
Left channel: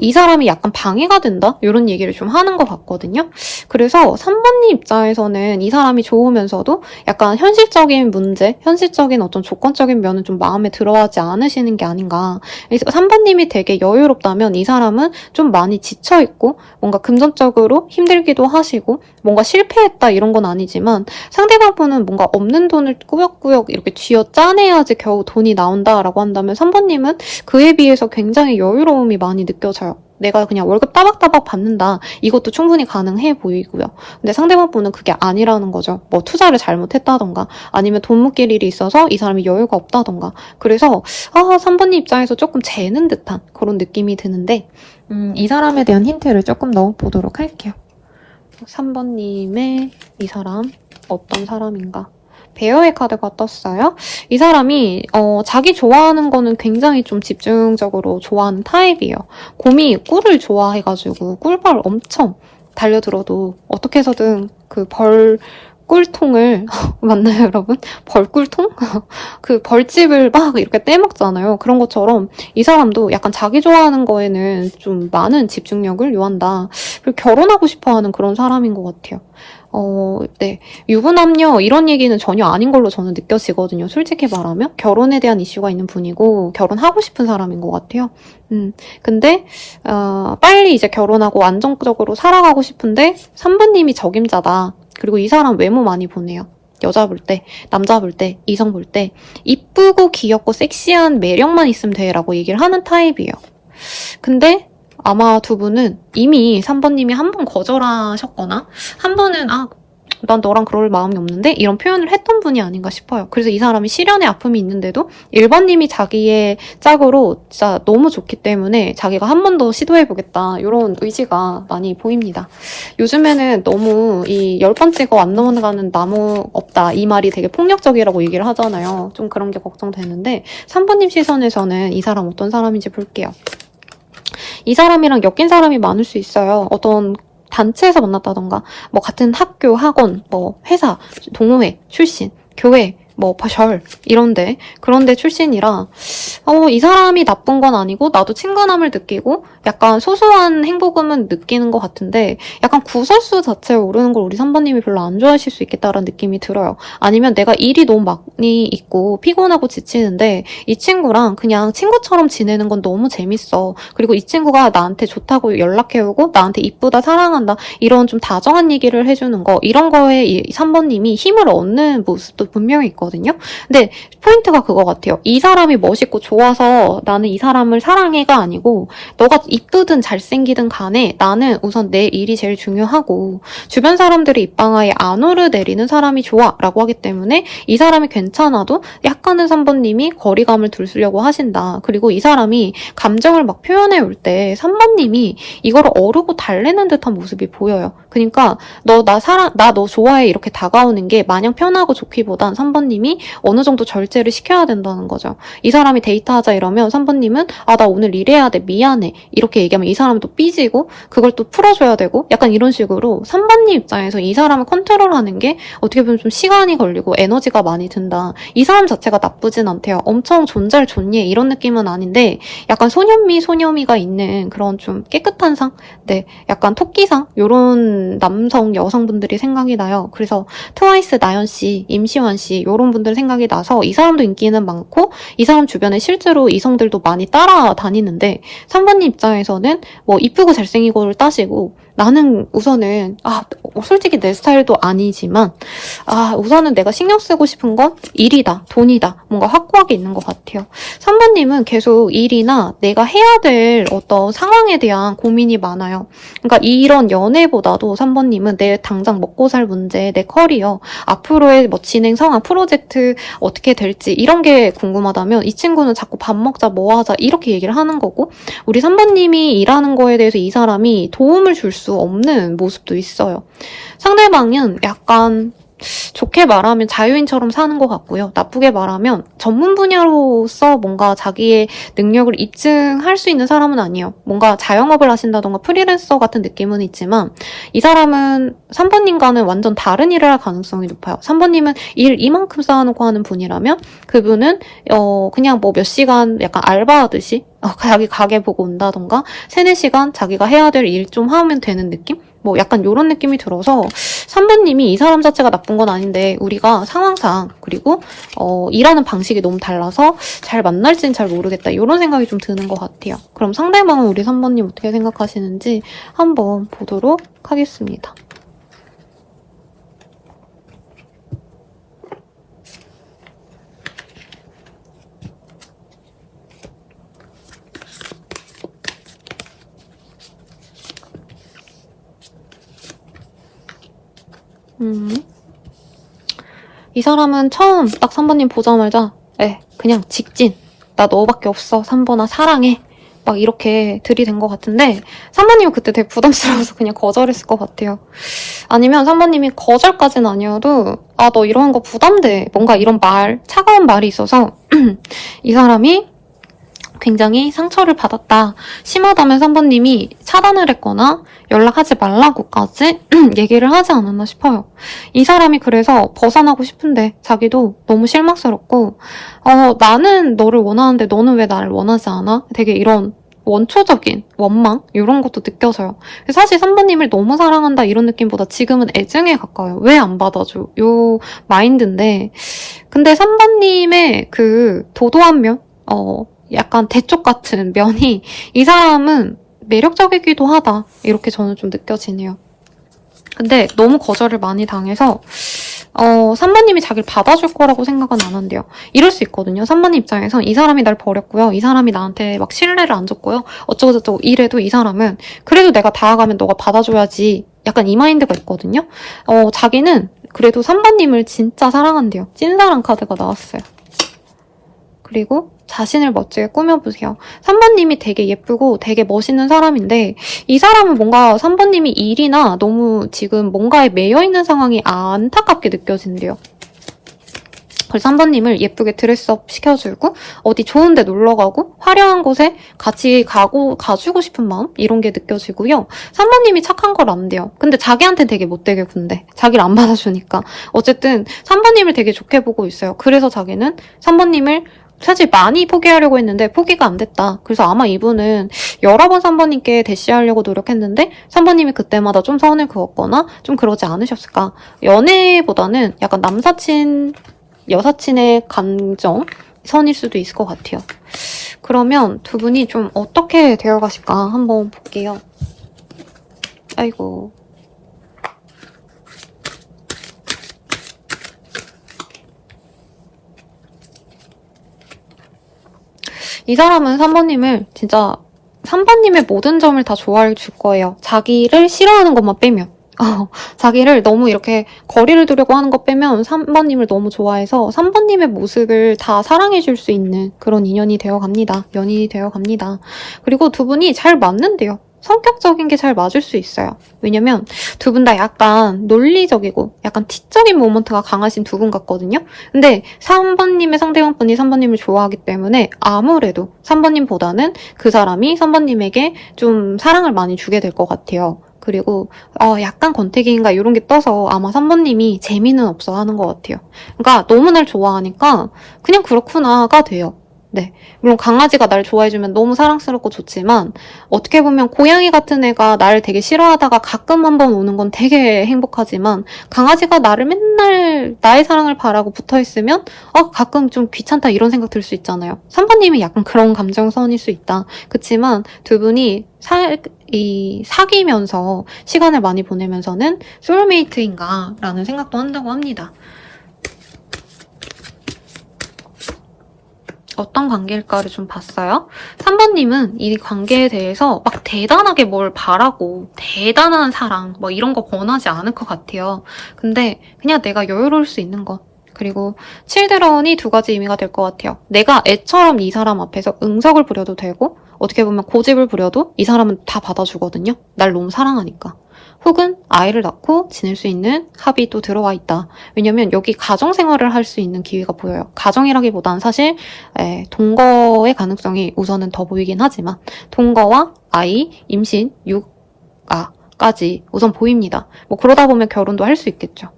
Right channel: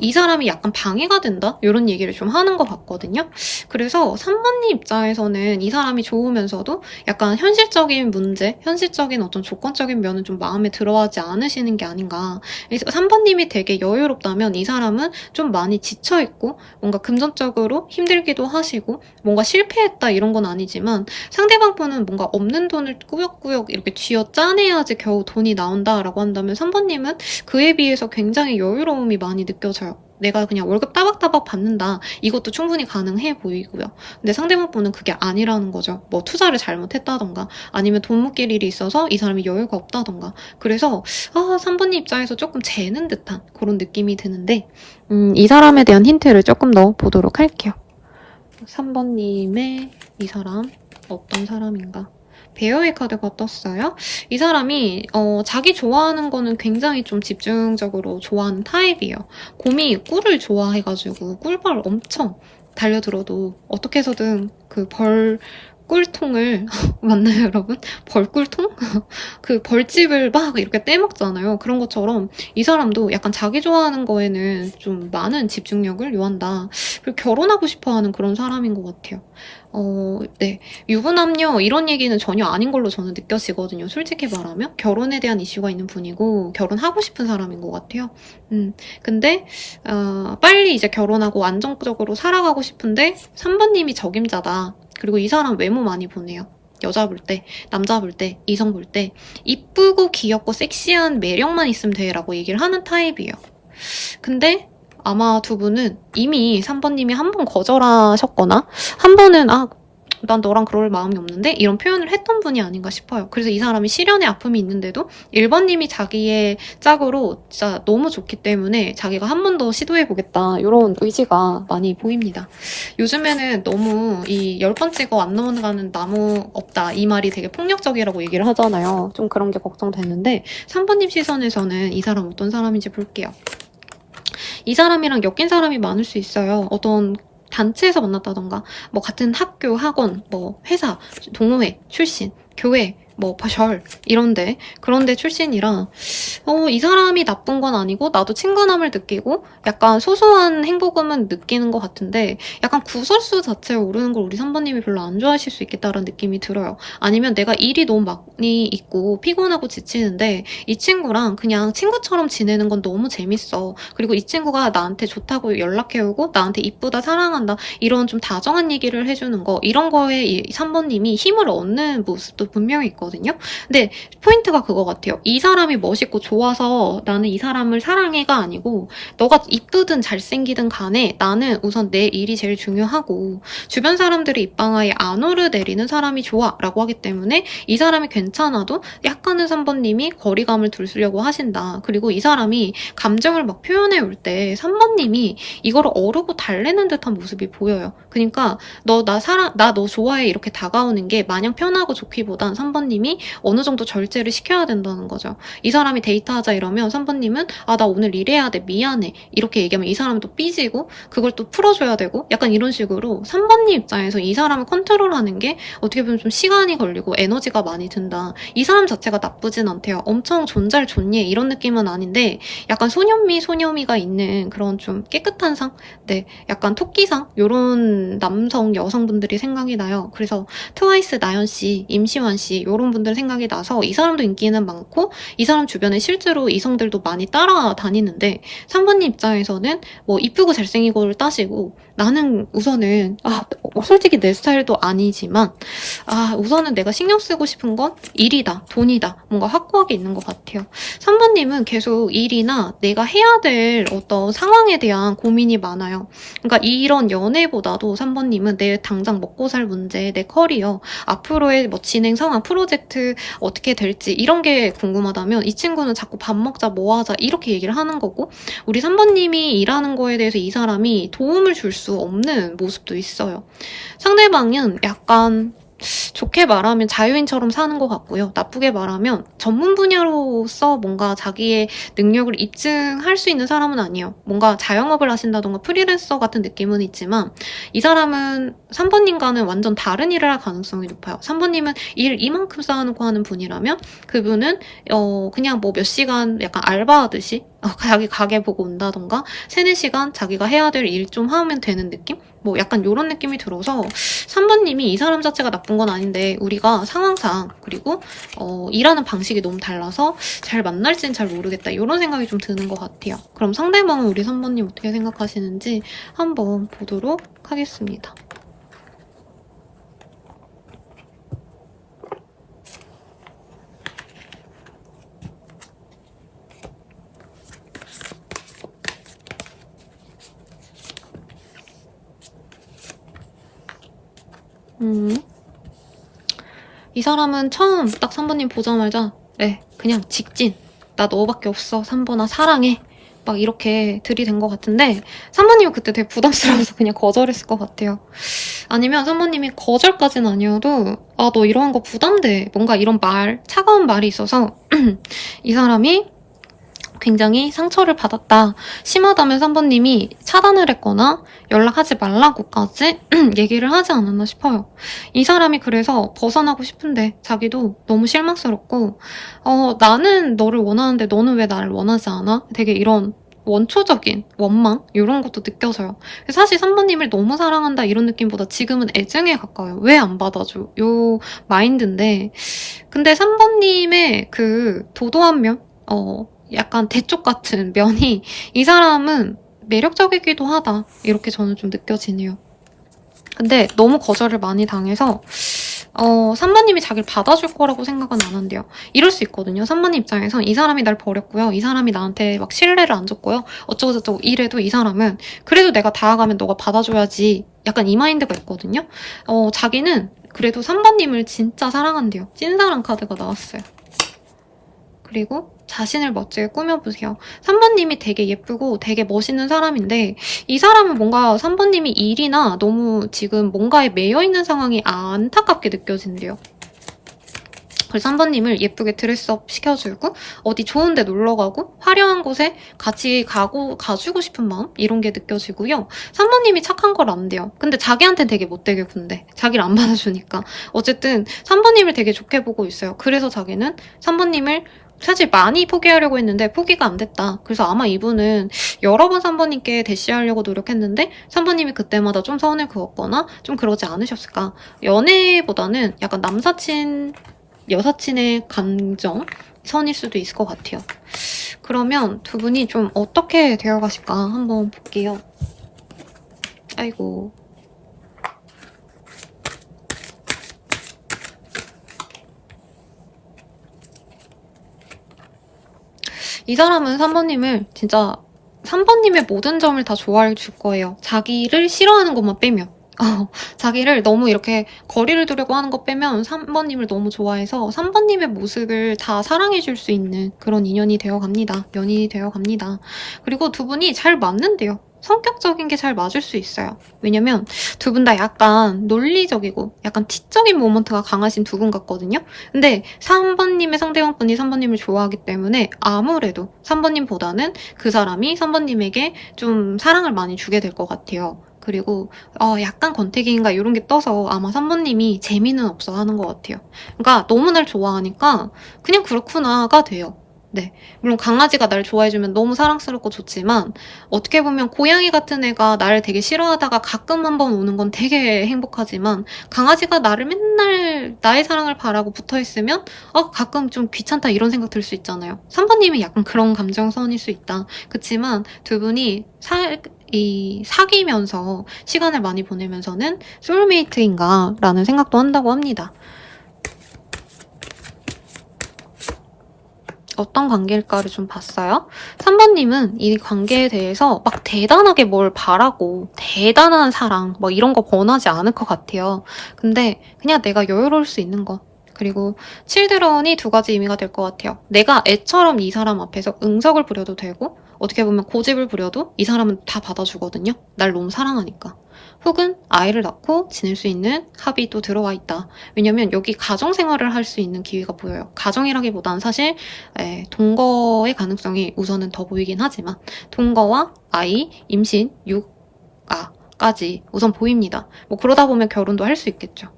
이 사람이 약간 방해가 된다? 이런 얘기를 좀 하는 것 같거든요. 그래서 3번님 입장에서는 이 사람이 좋으면서도 약간 현실적인 문제, 현실적인 어떤 조건적인 면은 좀 마음에 들어하지 않으시는 게 아닌가. 그래서 3번님이 되게 여유롭다면 이 사람은 좀 많이 지쳐있고 뭔가 금전적으로 힘들기도 하시고 뭔가 실패했다 이런 건 아니지만 상대방 분은 뭔가 없는 돈을 꾸역꾸역 이렇게 쥐어 짜내야지 겨우 돈이 나온다라고 한다면 3번님은 그에 비해서 굉장히 여유로움이 많이 느껴져요. 내가 그냥 월급 따박따박 받는다. 이것도 충분히 가능해 보이고요. 근데 상대방 분은 그게 아니라는 거죠. 뭐 투자를 잘못했다던가 아니면 돈 묶일 일이 있어서 이 사람이 여유가 없다던가. 그래서 3번님 입장에서 조금 재는 듯한 그런 느낌이 드는데 이 사람에 대한 힌트를 조금 더 보도록 할게요. 3번님의 이 사람 어떤 사람인가? 베어의 카드가 떴어요. 이 사람이 자기 좋아하는 거는 굉장히 좀 집중적으로 좋아하는 타입이에요. 곰이 꿀을 좋아해가지고 꿀벌 엄청 달려들어도 어떻게 해서든 그 꿀통을 맞나요 여러분? 벌꿀통? 그 벌집을 막 이렇게 떼먹잖아요. 그런 것처럼 이 사람도 약간 자기 좋아하는 거에는 좀 많은 집중력을 요한다. 그리고 결혼하고 싶어하는 그런 사람인 것 같아요. 네. 유부남녀 이런 얘기는 전혀 아닌 걸로 저는 느껴지거든요. 솔직히 말하면 결혼에 대한 이슈가 있는 분이고 결혼하고 싶은 사람인 것 같아요. 근데 빨리 이제 결혼하고 안정적으로 살아가고 싶은데 3번님이 적임자다. 그리고 이 사람 외모 많이 보네요. 여자 볼 때, 남자 볼 때, 이성 볼 때 이쁘고 귀엽고 섹시한 매력만 있으면 돼라고 얘기를 하는 타입이에요. 근데 아마 두 분은 이미 3번님이 한 번 거절하셨거나 한 번은 난 너랑 그럴 마음이 없는데 이런 표현을 했던 분이 아닌가 싶어요. 그래서 이 사람이 실연의 아픔이 있는데도 1번님이 자기의 짝으로 진짜 너무 좋기 때문에 자기가 한 번 더 시도해보겠다 이런 의지가 많이 보입니다. 요즘에는 너무 이 10번째가 안 넘어가는 나무 없다 이 말이 되게 폭력적이라고 얘기를 하잖아요. 좀 그런 게 걱정되는데 3번님 시선에서는 이 사람 어떤 사람인지 볼게요. 이 사람이랑 엮인 사람이 많을 수 있어요. 어떤 단체에서 만났다던가 뭐 같은 학교, 학원, 뭐 회사, 동호회, 출신, 교회 뭐 별 이런데 그런데 출신이라 이 사람이 나쁜 건 아니고 나도 친근함을 느끼고 약간 소소한 행복음은 느끼는 것 같은데 약간 구설수 자체에 오르는 걸 우리 3번님이 별로 안 좋아하실 수 있겠다라는 느낌이 들어요. 아니면 내가 일이 너무 많이 있고 피곤하고 지치는데 이 친구랑 그냥 친구처럼 지내는 건 너무 재밌어. 그리고 이 친구가 나한테 좋다고 연락해오고 나한테 이쁘다 사랑한다 이런 좀 다정한 얘기를 해주는 거 이런 거에 이 3번님이 힘을 얻는 모습도 분명히 있거든요. 근데 포인트가 그거 같아요. 이 사람이 멋있고 좋아서 나는 이 사람을 사랑해가 아니고 너가 이쁘든 잘생기든 간에 나는 우선 내 일이 제일 중요하고 주변 사람들의 입방아에 안 오르내리는 사람이 좋아 라고 하기 때문에 이 사람이 괜찮아도 약간은 3번님이 거리감을 두려고 하신다. 그리고 이 사람이 감정을 막 표현해 올 때 3번님이 이거를 어르고 달래는 듯한 모습이 보여요. 그러니까 너 너 좋아해 이렇게 다가오는 게 마냥 편하고 좋기보단 3번님이 어느 정도 절제를 시켜야 된다는 거죠. 이 사람이 데이트하자 이러면 3번님은 나 오늘 일해야 돼 미안해 이렇게 얘기하면 이 사람은 또 삐지고 그걸 또 풀어줘야 되고 약간 이런 식으로 3번님 입장에서 이 사람을 컨트롤하는 게 어떻게 보면 좀 시간이 걸리고 에너지가 많이 든다. 이 사람 자체가 나쁘진 않대요. 엄청 존잘 존예 이런 느낌은 아닌데 약간 소녀미가 있는 그런 좀 깨끗한 상? 네, 약간 토끼상? 요런 남성 여성분들이 생각이 나요. 그래서 트와이스 나연씨, 임시완씨 요런 분들 생각이 나서 이 사람도 인기는 많고 이 사람 주변에 실제로 이성들도 많이 따라다니는데 3번님 입장에서는 뭐 이쁘고 잘생기고를 따시고 나는 우선은 솔직히 내 스타일도 아니지만 우선은 내가 신경 쓰고 싶은 건 일이다, 돈이다, 뭔가 확고하게 있는 것 같아요. 3번님은 계속 일이나 내가 해야 될 어떤 상황에 대한 고민이 많아요. 그러니까 이런 연애보다도 3번님은 내 당장 먹고 살 문제, 내 커리어, 앞으로의 뭐 진행 상황, 프로젝트 어떻게 될지 이런 게 궁금하다면 이 친구는 자꾸 밥 먹자, 뭐 하자 이렇게 얘기를 하는 거고 우리 3번님이 일하는 거에 대해서 이 사람이 도움을 줄 수 없는 모습도 있어요. 상대방은 약간 좋게 말하면 자유인처럼 사는 것 같고요. 나쁘게 말하면 전문 분야로서 뭔가 자기의 능력을 입증할 수 있는 사람은 아니에요. 뭔가 자영업을 하신다던가 프리랜서 같은 느낌은 있지만 이 사람은 3번님과는 완전 다른 일을 할 가능성이 높아요. 3번님은 일 이만큼 쌓아놓고 하는 분이라면 그분은 그냥 뭐 몇 시간 약간 알바하듯이 자기 가게 보고 온다던가 3-4시간 자기가 해야 될 일 좀 하면 되는 느낌? 뭐 약간 이런 느낌이 들어서 3번님이 이 사람 자체가 나쁜 건 아닌데 우리가 상황상 그리고 일하는 방식이 너무 달라서 잘 만날지는 잘 모르겠다 이런 생각이 좀 드는 것 같아요. 그럼 상대방은 우리 3번님 어떻게 생각하시는지 한번 보도록 하겠습니다. 이 사람은 처음 딱 3번님 보자마자 그냥 직진 나 너밖에 없어 3번아 사랑해 막 이렇게 들이댄 것 같은데 3번님은 그때 되게 부담스러워서 그냥 거절했을 것 같아요. 아니면 3번님이 거절까지는 아니어도 너 이러는 거 부담돼 뭔가 이런 차가운 말이 있어서 이 사람이 굉장히 상처를 받았다. 심하다면 3번님이 차단을 했거나 연락하지 말라고까지 얘기를 하지 않았나 싶어요. 이 사람이 그래서 벗어나고 싶은데 자기도 너무 실망스럽고 나는 너를 원하는데 너는 왜 나를 원하지 않아? 되게 이런 원초적인 원망 이런 것도 느껴져요. 사실 3번님을 너무 사랑한다 이런 느낌보다 지금은 애증에 가까워요. 왜 안 받아줘? 요 마인드인데 근데 3번님의 그 도도한 면? 약간 대쪽 같은 면이 이 사람은 매력적이기도 하다 이렇게 저는 좀 느껴지네요. 근데 너무 거절을 많이 당해서 3번님이 자기를 받아줄 거라고 생각은 안 한대요. 이럴 수 있거든요. 3번님 입장에선 이 사람이 날 버렸고요. 이 사람이 나한테 막 신뢰를 안 줬고요. 어쩌고저쩌고 이래도 이 사람은 그래도 내가 다가가면 너가 받아줘야지 약간 이 마인드가 있거든요. 자기는 그래도 3번님을 진짜 사랑한대요. 찐사랑 카드가 나왔어요. 그리고 자신을 멋지게 꾸며보세요. 3번님이 되게 예쁘고 되게 멋있는 사람인데 이 사람은 뭔가 3번님이 일이나 너무 지금 뭔가에 매여있는 상황이 안타깝게 느껴진대요. 그래서 3번님을 예쁘게 드레스업 시켜주고 어디 좋은 데 놀러가고 화려한 곳에 같이 가주고 싶은 마음? 이런 게 느껴지고요. 3번님이 착한 걸 안 돼요. 근데 자기한테는 되게 못되게 군대. 자기를 안 받아주니까. 어쨌든 3번님을 되게 좋게 보고 있어요. 그래서 자기는 3번님을 사실 많이 포기하려고 했는데 포기가 안 됐다. 그래서 아마 이분은 여러 번 3번님께 대시하려고 노력했는데 3번님이 그때마다 좀 선을 그었거나 좀 그러지 않으셨을까. 연애보다는 약간 남사친 여사친의 감정 선일 수도 있을 것 같아요. 그러면 두 분이 좀 어떻게 되어 가실까 한번 볼게요. 아이고. 이 사람은 3번님을 진짜 3번님의 모든 점을 다 좋아해 줄 거예요. 자기를 싫어하는 것만 빼면. 자기를 너무 이렇게 거리를 두려고 하는 것 빼면 3번님을 너무 좋아해서 3번님의 모습을 다 사랑해줄 수 있는 그런 인연이 되어갑니다. 연인이 되어갑니다. 그리고 두 분이 잘 맞는데요. 성격적인 게 잘 맞을 수 있어요. 왜냐면 두 분 다 약간 논리적이고 약간 티적인 모먼트가 강하신 두 분 같거든요. 근데 3번님의 상대방분이 3번님을 좋아하기 때문에 아무래도 3번님보다는 그 사람이 3번님에게 좀 사랑을 많이 주게 될 것 같아요. 그리고 약간 권태기인가 이런 게 떠서 아마 3번님이 재미는 없어 하는 것 같아요. 그러니까 너무 날 좋아하니까 그냥 그렇구나가 돼요. 네. 물론 강아지가 날 좋아해주면 너무 사랑스럽고 좋지만 어떻게 보면 고양이 같은 애가 나를 되게 싫어하다가 가끔 한번 오는 건 되게 행복하지만 강아지가 나를 맨날 나의 사랑을 바라고 붙어있으면 가끔 좀 귀찮다 이런 생각 들 수 있잖아요. 3번님이 약간 그런 감정선일 수 있다. 그치만 두 분이 사귀면서 시간을 많이 보내면서는 소울메이트인가 라는 생각도 한다고 합니다. 어떤 관계일까를 좀 봤어요. 3번님은 이 관계에 대해서 막 대단하게 뭘 바라고 대단한 사랑 뭐 이런 거 권하지 않을 것 같아요. 근데 그냥 내가 여유로울 수 있는 것. 그리고 칠드런이 두 가지 의미가 될 것 같아요. 내가 애처럼 이 사람 앞에서 응석을 부려도 되고 어떻게 보면 고집을 부려도 이 사람은 다 받아주거든요. 날 너무 사랑하니까. 혹은 아이를 낳고 지낼 수 있는 합이 또 들어와 있다. 왜냐면 여기 가정생활을 할 수 있는 기회가 보여요. 가정이라기보단 사실 동거의 가능성이 우선은 더 보이긴 하지만 동거와 아이, 임신, 육아까지 우선 보입니다. 뭐 그러다 보면 결혼도 할 수 있겠죠.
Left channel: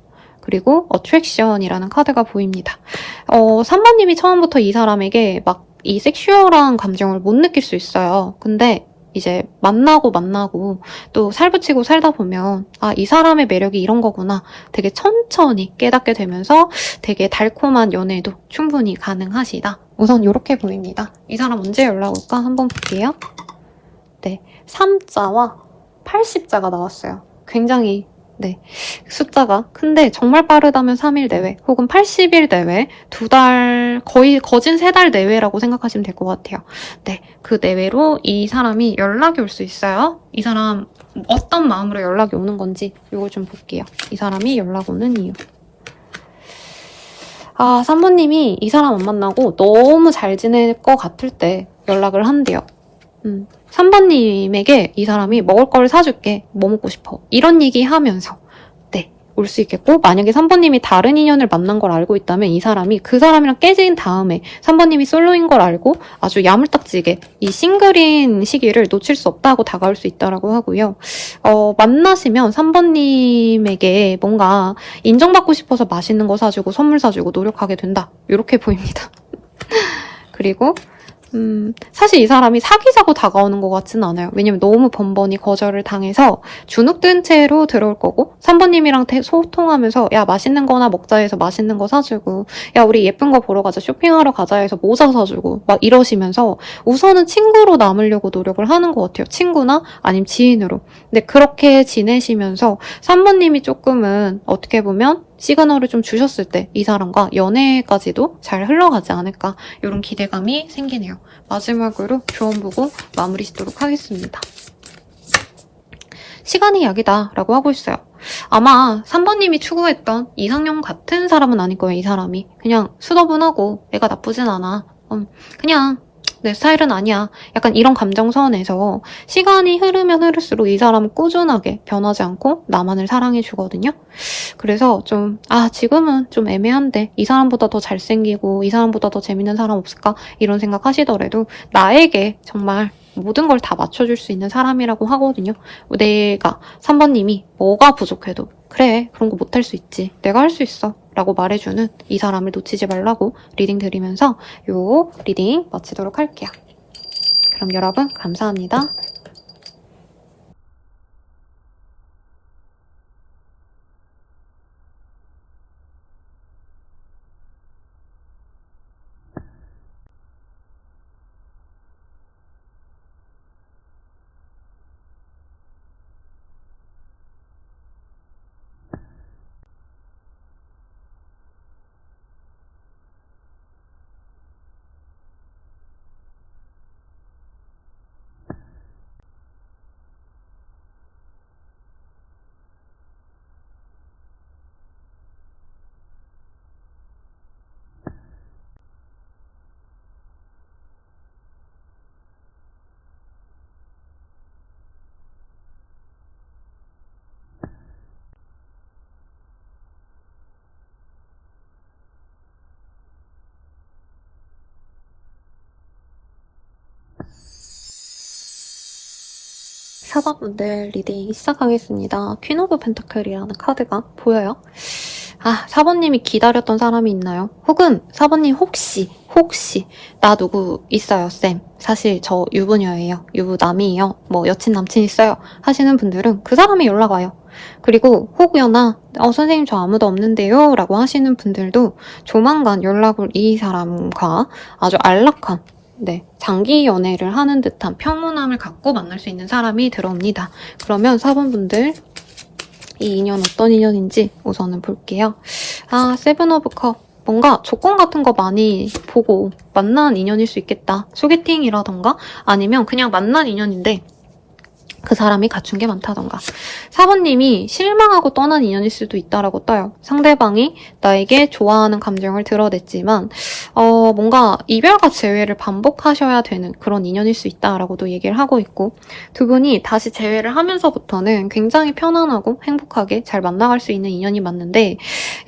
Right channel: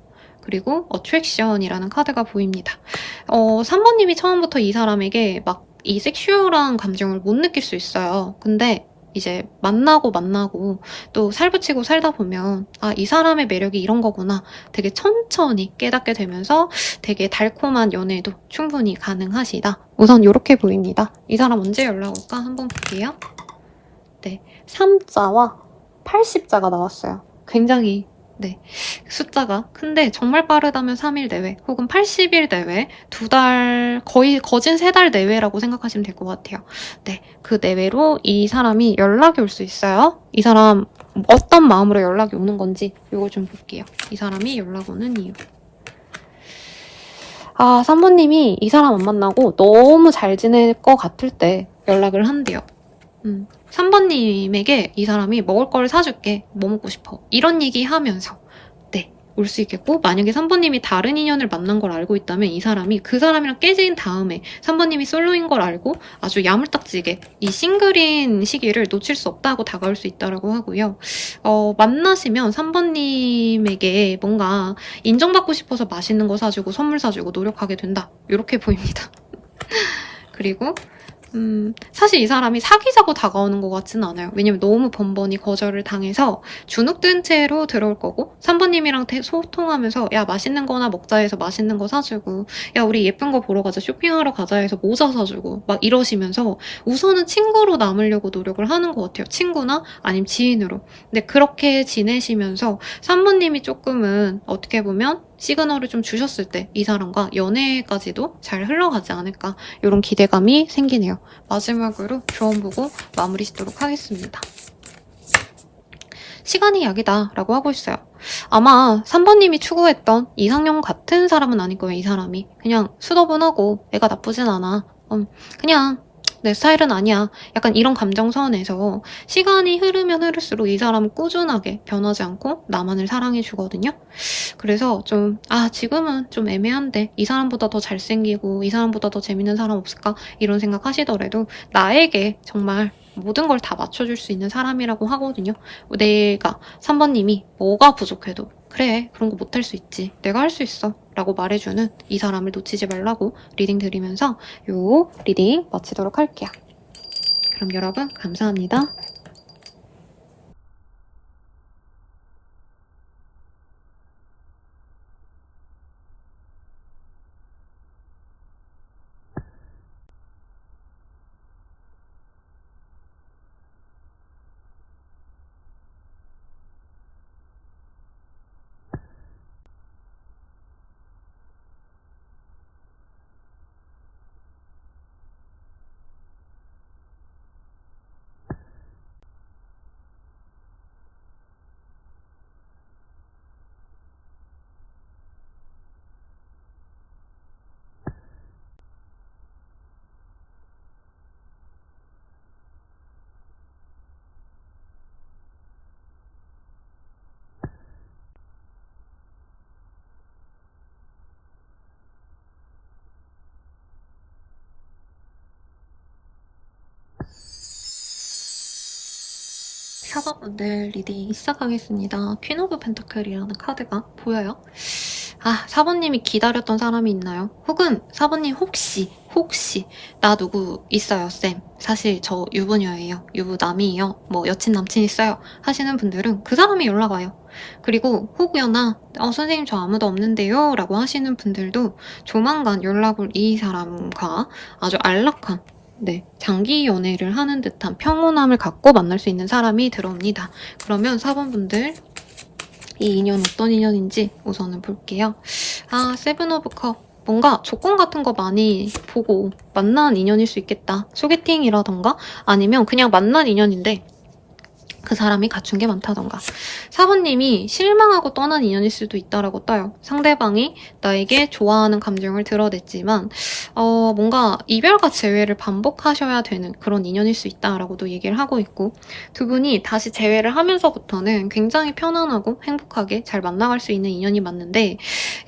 그리고 어트랙션이라는 카드가 보입니다. 3번님이 처음부터 이 사람에게 막 이 섹슈얼한 감정을 못 느낄 수 있어요. 근데 이제 만나고 또 살붙이고 살다 보면 이 사람의 매력이 이런 거구나 되게 천천히 깨닫게 되면서 되게 달콤한 연애도 충분히 가능하시다. 우선 이렇게 보입니다. 이 사람 언제 연락 올까 한번 볼게요. 네, 3자와 80자가 나왔어요. 굉장히 숫자가 큰데 정말 빠르다면 3일 내외 혹은 80일 내외 2달 거의 거진 3달 내외라고 생각하시면 될 것 같아요. 네, 그 내외로 이 사람이 연락이 올 수 있어요. 이 사람 어떤 마음으로 연락이 오는 건지 이거 좀 볼게요. 이 사람이 연락 오는 이유. 3번님이 이 사람 안 만나고 너무 잘 지낼 것 같을 때 연락을 한대요. 3번님에게 이 사람이 먹을 걸 사줄게. 뭐 먹고 싶어? 이런 얘기 하면서 올 수 있겠고 만약에 3번님이 다른 인연을 만난 걸 알고 있다면 이 사람이 그 사람이랑 깨진 다음에 3번님이 솔로인 걸 알고 아주 야물딱지게 이 싱글인 시기를 놓칠 수 없다고 다가올 수 있다고 하고요. 만나시면 3번님에게 뭔가 인정받고 싶어서 맛있는 거 사주고 선물 사주고 노력하게 된다. 이렇게 보입니다. 그리고 사실 이 사람이 사귀자고 다가오는 것 같지는 않아요. 왜냐면 너무 번번이 거절을 당해서 주눅든 채로 들어올 거고 3번님이랑 소통하면서 야 맛있는 거나 먹자 해서 맛있는 거 사주고 야 우리 예쁜 거 보러 가자 쇼핑하러 가자 해서 모자 사주고 막 이러시면서 우선은 친구로 남으려고 노력을 하는 것 같아요. 친구나 아니면 지인으로. 근데 그렇게 지내시면서 3번님이 조금은 어떻게 보면 시그널을 좀 주셨을 때 이 사람과 연애까지도 잘 흘러가지 않을까 이런 기대감이 생기네요. 마지막으로 조언 보고 마무리 짓도록 하겠습니다. 시간이 약이다 라고 하고 있어요. 아마 3번님이 추구했던 이상형 같은 사람은 아닐 거예요. 이 사람이 그냥 수더분하고 애가 나쁘진 않아. 그냥 내 스타일은 아니야. 약간 이런 감정선에서 시간이 흐르면 흐를수록 이 사람은 꾸준하게 변하지 않고 나만을 사랑해주거든요. 그래서 지금은 좀 애매한데 이 사람보다 더 잘생기고 이 사람보다 더 재밌는 사람 없을까? 이런 생각 하시더라도 나에게 정말 모든 걸 다 맞춰줄 수 있는 사람이라고 하거든요. 내가 3번님이 뭐가 부족해도 그래, 그런 거 못할 수 있지. 내가 할 수 있어. 라고 말해주는 이 사람을 놓치지 말라고 리딩 드리면서 요 리딩 마치도록 할게요. 그럼 여러분 감사합니다. 사번분들 리딩 시작하겠습니다. 퀸 오브 펜타클이라는 카드가 보여요. 4번님이 기다렸던 사람이 있나요? 혹은 4번님 혹시 나 누구 있어요, 쌤. 사실 저 유부녀예요. 유부남이에요. 뭐 여친 남친 있어요. 하시는 분들은 그 사람이 연락 와요. 그리고 혹여나 선생님 저 아무도 없는데요 라고 하시는 분들도 조만간 연락을 이 사람과 아주 안락한 장기 연애를 하는 듯한 평온함을 갖고 만날 수 있는 사람이 들어옵니다. 그러면 4번분들 이 인연 어떤 인연인지 우선은 볼게요. 세븐 오브 컵. 뭔가 조건 같은 거 많이 보고 만난 인연일 수 있겠다. 소개팅이라던가 아니면 그냥 만난 인연인데 그 사람이 갖춘 게 많다던가. 4번님이 실망하고 떠난 인연일 수도 있다라고 떠요. 상대방이 나에게 좋아하는 감정을 드러냈지만 뭔가 이별과 재회를 반복하셔야 되는 그런 인연일 수 있다라고도 얘기를 하고 있고, 두 분이 다시 재회를 하면서부터는 굉장히 편안하고 행복하게 잘 만나갈 수 있는 인연이 맞는데,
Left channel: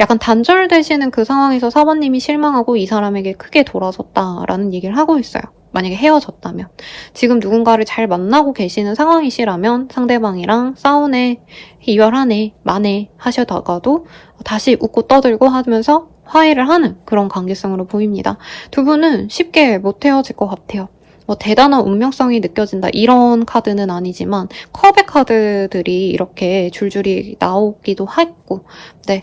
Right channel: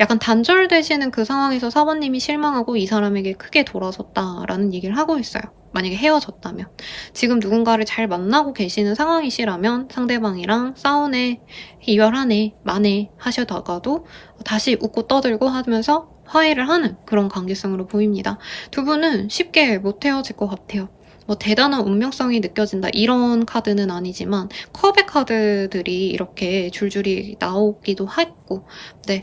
약간 단절되시는 그 상황에서 4번님이 실망하고 이 사람에게 크게 돌아섰다라는 얘기를 하고 있어요. 만약에 헤어졌다면. 지금 누군가를 잘 만나고 계시는 상황이시라면 상대방이랑 싸우네, 이별하네, 마네 하셔다가도 다시 웃고 떠들고 하면서 화해를 하는 그런 관계성으로 보입니다. 두 분은 쉽게 못 헤어질 것 같아요. 뭐 대단한 운명성이 느껴진다 이런 카드는 아니지만 컵의 카드들이 이렇게 줄줄이 나오기도 했고,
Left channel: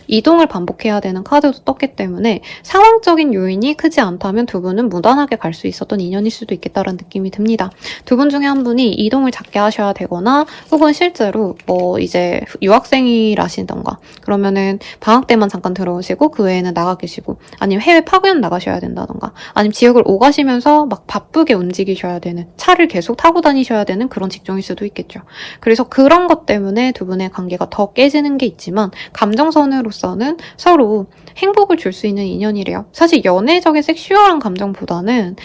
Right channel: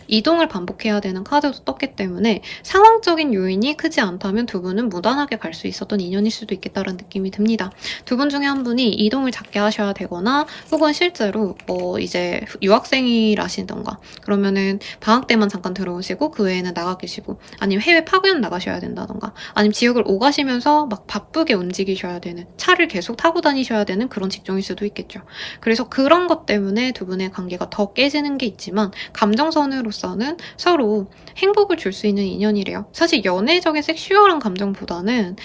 이동을 반복해야 되는 카드도 떴기 때문에 상황적인 요인이 크지 않다면 두 분은 무난하게 갈 수 있었던 인연일 수도 있겠다는 느낌이 듭니다. 두 분 중에 한 분이 이동을 작게 하셔야 되거나, 혹은 실제로 뭐 이제 유학생이라시던가 그러면은 방학 때만 잠깐 들어오시고 그 외에는 나가 계시고, 아니면 해외 파견 나가셔야 된다던가, 아니면 지역을 오가시면서 막 바쁘게 움직이셔야 되는, 차를 계속 타고 다니셔야 되는 그런 직종일 수도 있겠죠. 그래서 그런 것 때문에 두 분의 관계가 더 깨지는 게 있지만 감정선으로서는 서로 행복을 줄 수 있는 인연이래요. 사실 연애적인 섹슈얼한 감정보다는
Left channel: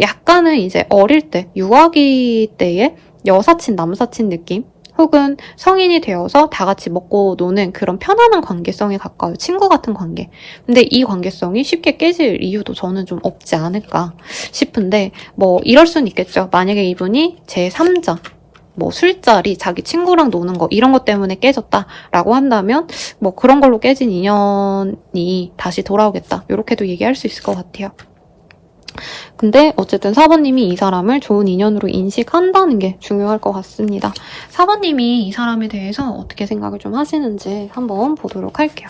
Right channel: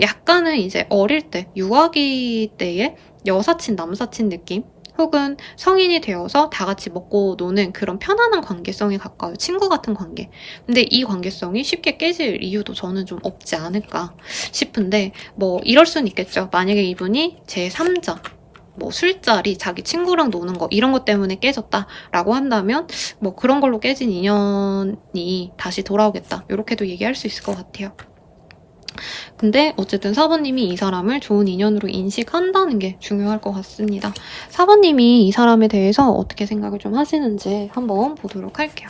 약간은 이제 어릴 때 유아기 때의 여사친 남사친 느낌, 혹은 성인이 되어서 다 같이 먹고 노는 그런 편안한 관계성에 가까워요. 친구 같은 관계. 근데 이 관계성이 쉽게 깨질 이유도 저는 좀 없지 않을까 싶은데, 뭐 이럴 순 있겠죠. 만약에 이분이 제3자, 뭐 술자리, 자기 친구랑 노는 거 이런 것 때문에 깨졌다라고 한다면 뭐 그런 걸로 깨진 인연이 다시 돌아오겠다, 이렇게도 얘기할 수 있을 것 같아요. 근데 어쨌든 4번님이 이 사람을 좋은 인연으로 인식한다는 게 중요할 것 같습니다. 4번님이 이 사람에 대해서 어떻게 생각을 좀 하시는지 한번 보도록 할게요.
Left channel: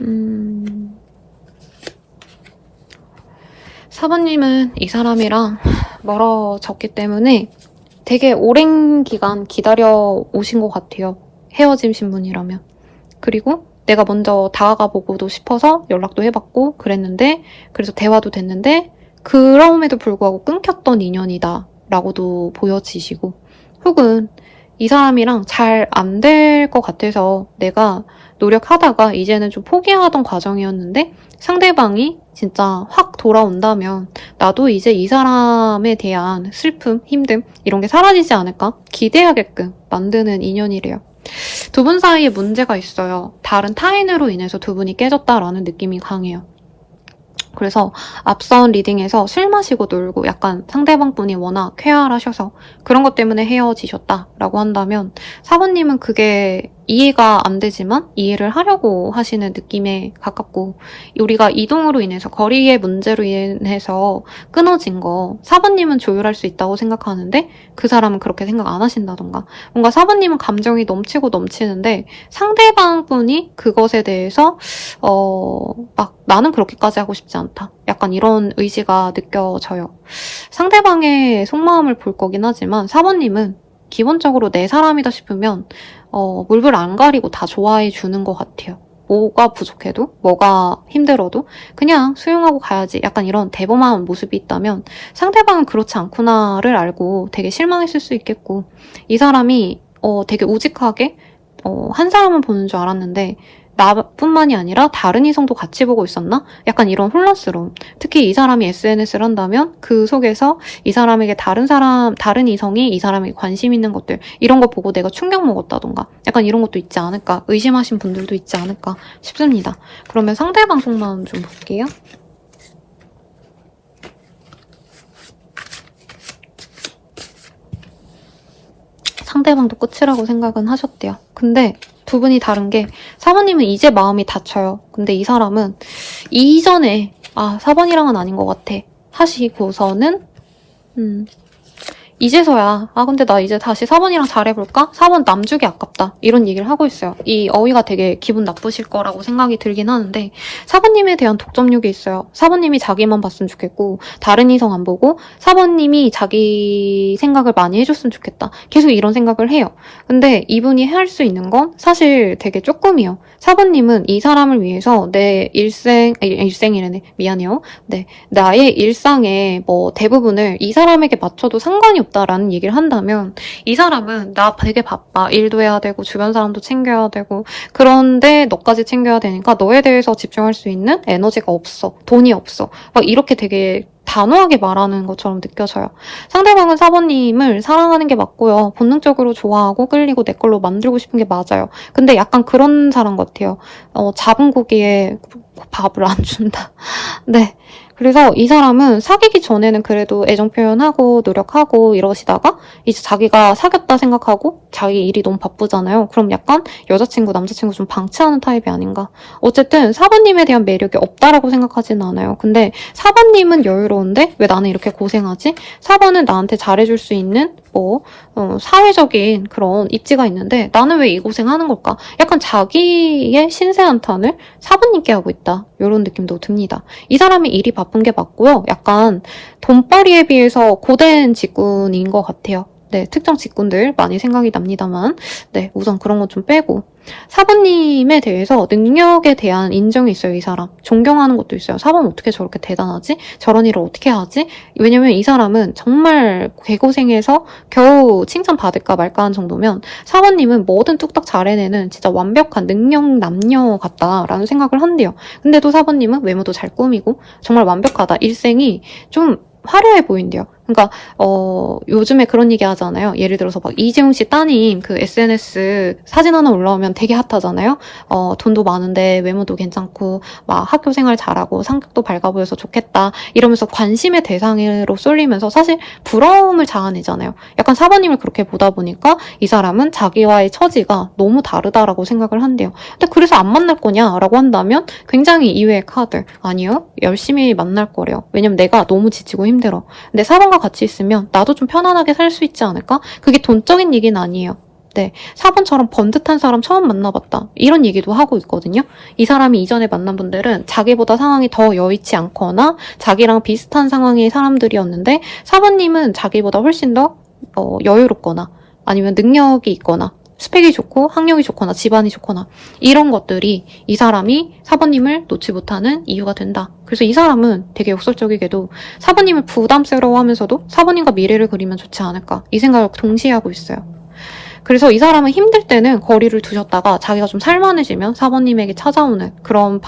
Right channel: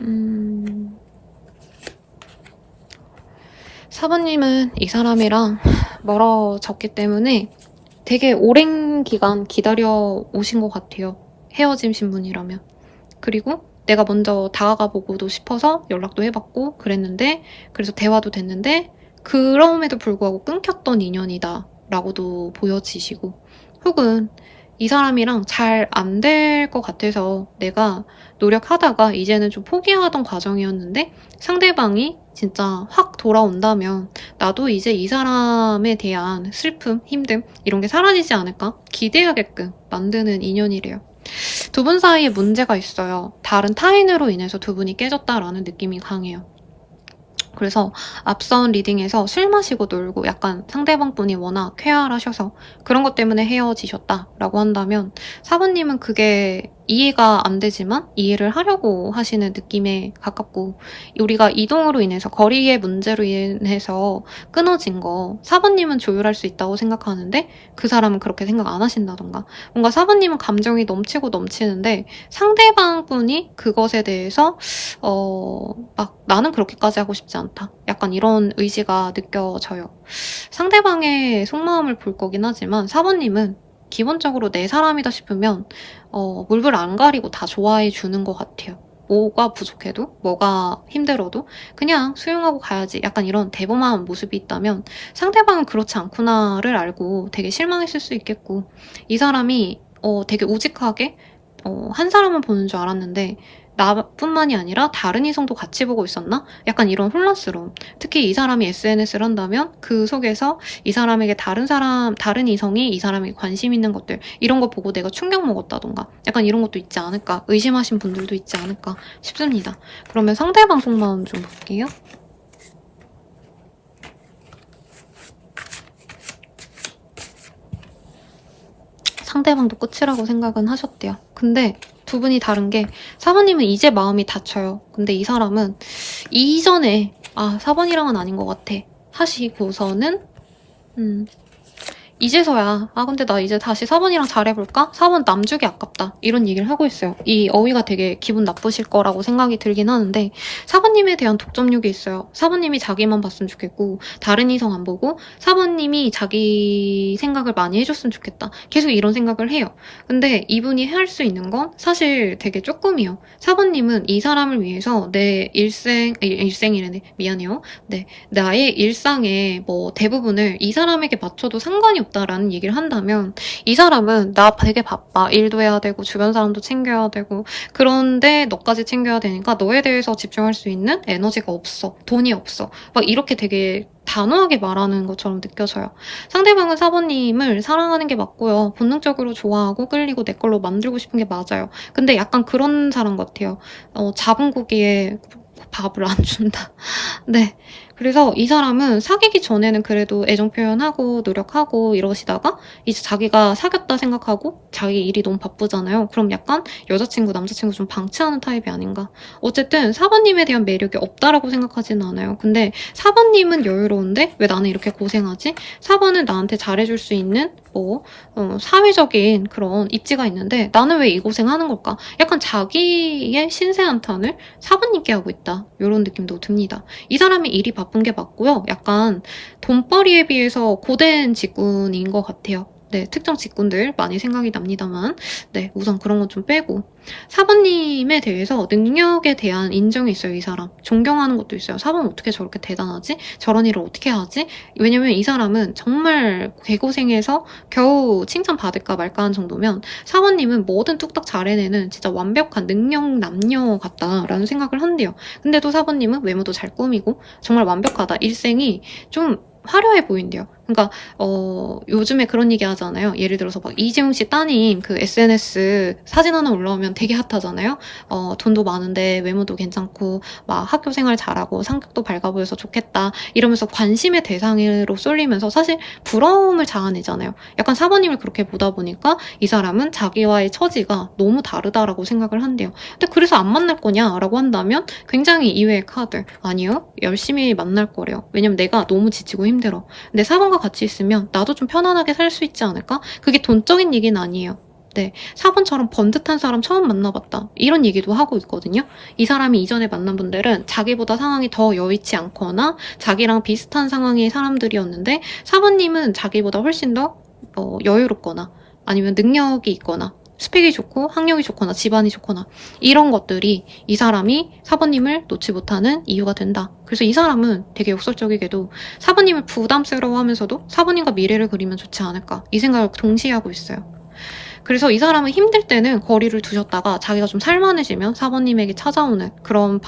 음... 4번님은 이 사람이랑 멀어졌기 때문에 되게 오랜 기간 기다려 오신 것 같아요. 헤어지신 분이라면. 그리고 내가 먼저 다가가 보고도 싶어서 연락도 해봤고 그랬는데, 그래서 대화도 됐는데 그럼에도 불구하고 끊겼던 인연이다 라고도 보여지시고, 혹은 이 사람이랑 잘 안 될 것 같아서 내가 노력하다가 이제는 좀 포기하던 과정이었는데 상대방이 진짜 확 돌아온다면 나도 이제 이 사람에 대한 슬픔, 힘듦 이런 게 사라지지 않을까 기대하게끔 만드는 인연이래요. 두 분 사이에 문제가 있어요. 다른 타인으로 인해서 두 분이 깨졌다라는 느낌이 강해요. 그래서 앞선 리딩에서 술 마시고 놀고 약간 상대방분이 워낙 쾌활하셔서 그런 것 때문에 헤어지셨다라고 한다면 사부님은 그게 이해가 안 되지만 이해를 하려고 하시는 느낌에 가깝고 우리가 이동으로 인해서 거리의 문제로 인해서 끊어진 거 사부님은 조율할 수 있다고 생각하는데 그 사람은 그렇게 생각 안 하신다던가 뭔가 사부님은 감정이 넘치고 넘치는데 상대방 분이 그것에 대해서 막 나는 그렇게까지 하고 싶지 않다. 약간 이런 의지가 느껴져요. 상대방의 속마음을 볼 거긴 하지만 사부님은 기본적으로 내 사람이다 싶으면 물불 안 가리고 다 좋아해 주는 것 같아요. 뭐가 부족해도 뭐가 힘들어도 그냥 수용하고 가야지 약간 이런 대범한 모습이 있다면 상대방은 그렇지 않구나를 알고 되게 실망했을 수 있겠고 이 사람이 되게 우직하게 한 사람만 보는 줄 알았는데 나뿐만이 아니라 다른 이성도 같이 보고 있었나? 약간 이런 혼란스러움. 특히 이 사람이 SNS를 한다면 그 속에서 이 사람에게 다른 이성이 이 사람에게 관심 있는 것들 이런 거 보고 내가 충격 먹었다던가 약간 이런 것도 있지 않을까? 의심하신 분들도 있지 않을까 싶습니다. 그러면 상대방 속마음 좀 볼게요. 상대방도 끝이라고 생각은 하셨대요. 근데 두 분이 다른 게 사부님은 이제 마음이 닫혀요. 근데 이 사람은 이전에 사번이랑은 아닌 것 같아 하시고서는 이제서야 근데 나 이제 다시 사번이랑 잘해볼까? 사번 남주기 아깝다 이런 얘기를 하고 있어요. 이 어휘가 되게 기분 나쁘실 거라고 생각이 들긴 하는데 사번님에 대한 독점욕이 있어요. 사번님이 자기만 봤으면 좋겠고 다른 이성 안 보고 사번님이 자기 생각을 많이 해줬으면 좋겠다. 계속 이런 생각을 해요. 근데 이분이 할 수 있는 건 사실 되게 조금이요. 사번님은 이 사람을 위해서 내 일생이래네. 미안해요. 네, 나의 일상의 뭐 대부분을 이 사람에게 맞춰도 상관이 없다라는 얘기를 한다면 이 사람은 나 되게 바빠. 일도 해야 되고 주변 사람도 챙겨야 되고 그런데 너까지 챙겨야 되니까 너에 대해서 집중할 수 있는 에너지가 없어. 돈이 없어. 막 이렇게 되게 단호하게 말하는 것처럼 느껴져요. 상대방은 사번님을 사랑하는 게 맞고요. 본능적으로 좋아하고 끌리고 내 걸로 만들고 싶은 게 맞아요. 근데 약간 그런 사람 같아요. 잡은 고기에 밥을 안 준다. 네. 그래서 이 사람은 사귀기 전에는 그래도 애정 표현하고 노력하고 이러시다가 이제 자기가 사귀었다 생각하고 자기 일이 너무 바쁘잖아요. 그럼 약간 여자친구, 남자친구 좀 방치하는 타입이 아닌가. 어쨌든 사번님에 대한 매력이 없다라고 생각하지는 않아요. 근데 사번님은 여유로운데 왜 나는 이렇게 고생하지? 사번은 나한테 잘해줄 수 있는 사회적인 그런 입지가 있는데 나는 왜 이 고생하는 걸까? 약간 자기의 신세 한탄을 사부님께 하고 있다. 이런 느낌도 듭니다. 이 사람이 일이 바쁜 게 맞고요. 약간 돈벌이에 비해서 고된 직군인 것 같아요. 네, 특정 직군들 많이 생각이 납니다만 네, 우선 그런 거 좀 빼고 사부님에 대해서 능력에 대한 인정이 있어요. 이 사람. 존경하는 것도 있어요. 사부는 어떻게 저렇게 대단하지? 저런 일을 어떻게 하지? 왜냐면 이 사람은 정말 개고생해서 겨우 칭찬받을까 말까 한 정도면 사부님은 뭐든 뚝딱 잘 해내는 진짜 완벽한 능력 남녀 같다라는 생각을 한대요. 근데도 사부님은 외모도 잘 꾸미고 정말 완벽하다. 일생이 좀 화려해 보인대요. 그러니까 요즘에 그런 얘기 하잖아요. 예를 들어서 막 이재용 씨 따님 그 SNS 사진 하나 올라오면 되게 핫하잖아요. 돈도 많은데 외모도 괜찮고 막 학교 생활 잘하고 성격도 밝아 보여서 좋겠다 이러면서 관심의 대상으로 쏠리면서 사실 부러움을 자아내잖아요. 약간 사부님을 그렇게 보다 보니까 이 사람은 자기와의 처지가 너무 다르다라고 생각을 한대요. 근데 그래서 안 만날 거냐라고 한다면 굉장히 이외의 카드. 아니요. 열심히 만날 거래요. 왜냐면 내가 너무 지치고 힘들어. 근데 사번과 같이 있으면 나도 좀 편안하게 살 수 있지 않을까? 그게 돈적인 얘기는 아니에요. 네, 4번처럼 번듯한 사람 처음 만나봤다. 이런 얘기도 하고 있거든요. 이 사람이 이전에 만난 분들은 자기보다 상황이 더 여의치 않거나 자기랑 비슷한 상황의 사람들이었는데 4번님은 자기보다 훨씬 더 여유롭거나 아니면 능력이 있거나 스펙이 좋고 학력이 좋거나 집안이 좋거나 이런 것들이 이 사람이 사부님을 놓지 못하는 이유가 된다. 그래서 이 사람은 되게 역설적이게도 사부님을 부담스러워하면서도 사부님과 미래를 그리면 좋지 않을까 이 생각을 동시에 하고 있어요. 그래서 이 사람은 힘들 때는 거리를 두셨다가 자기가 좀 살만해지면 4번님에게 찾아오는 그런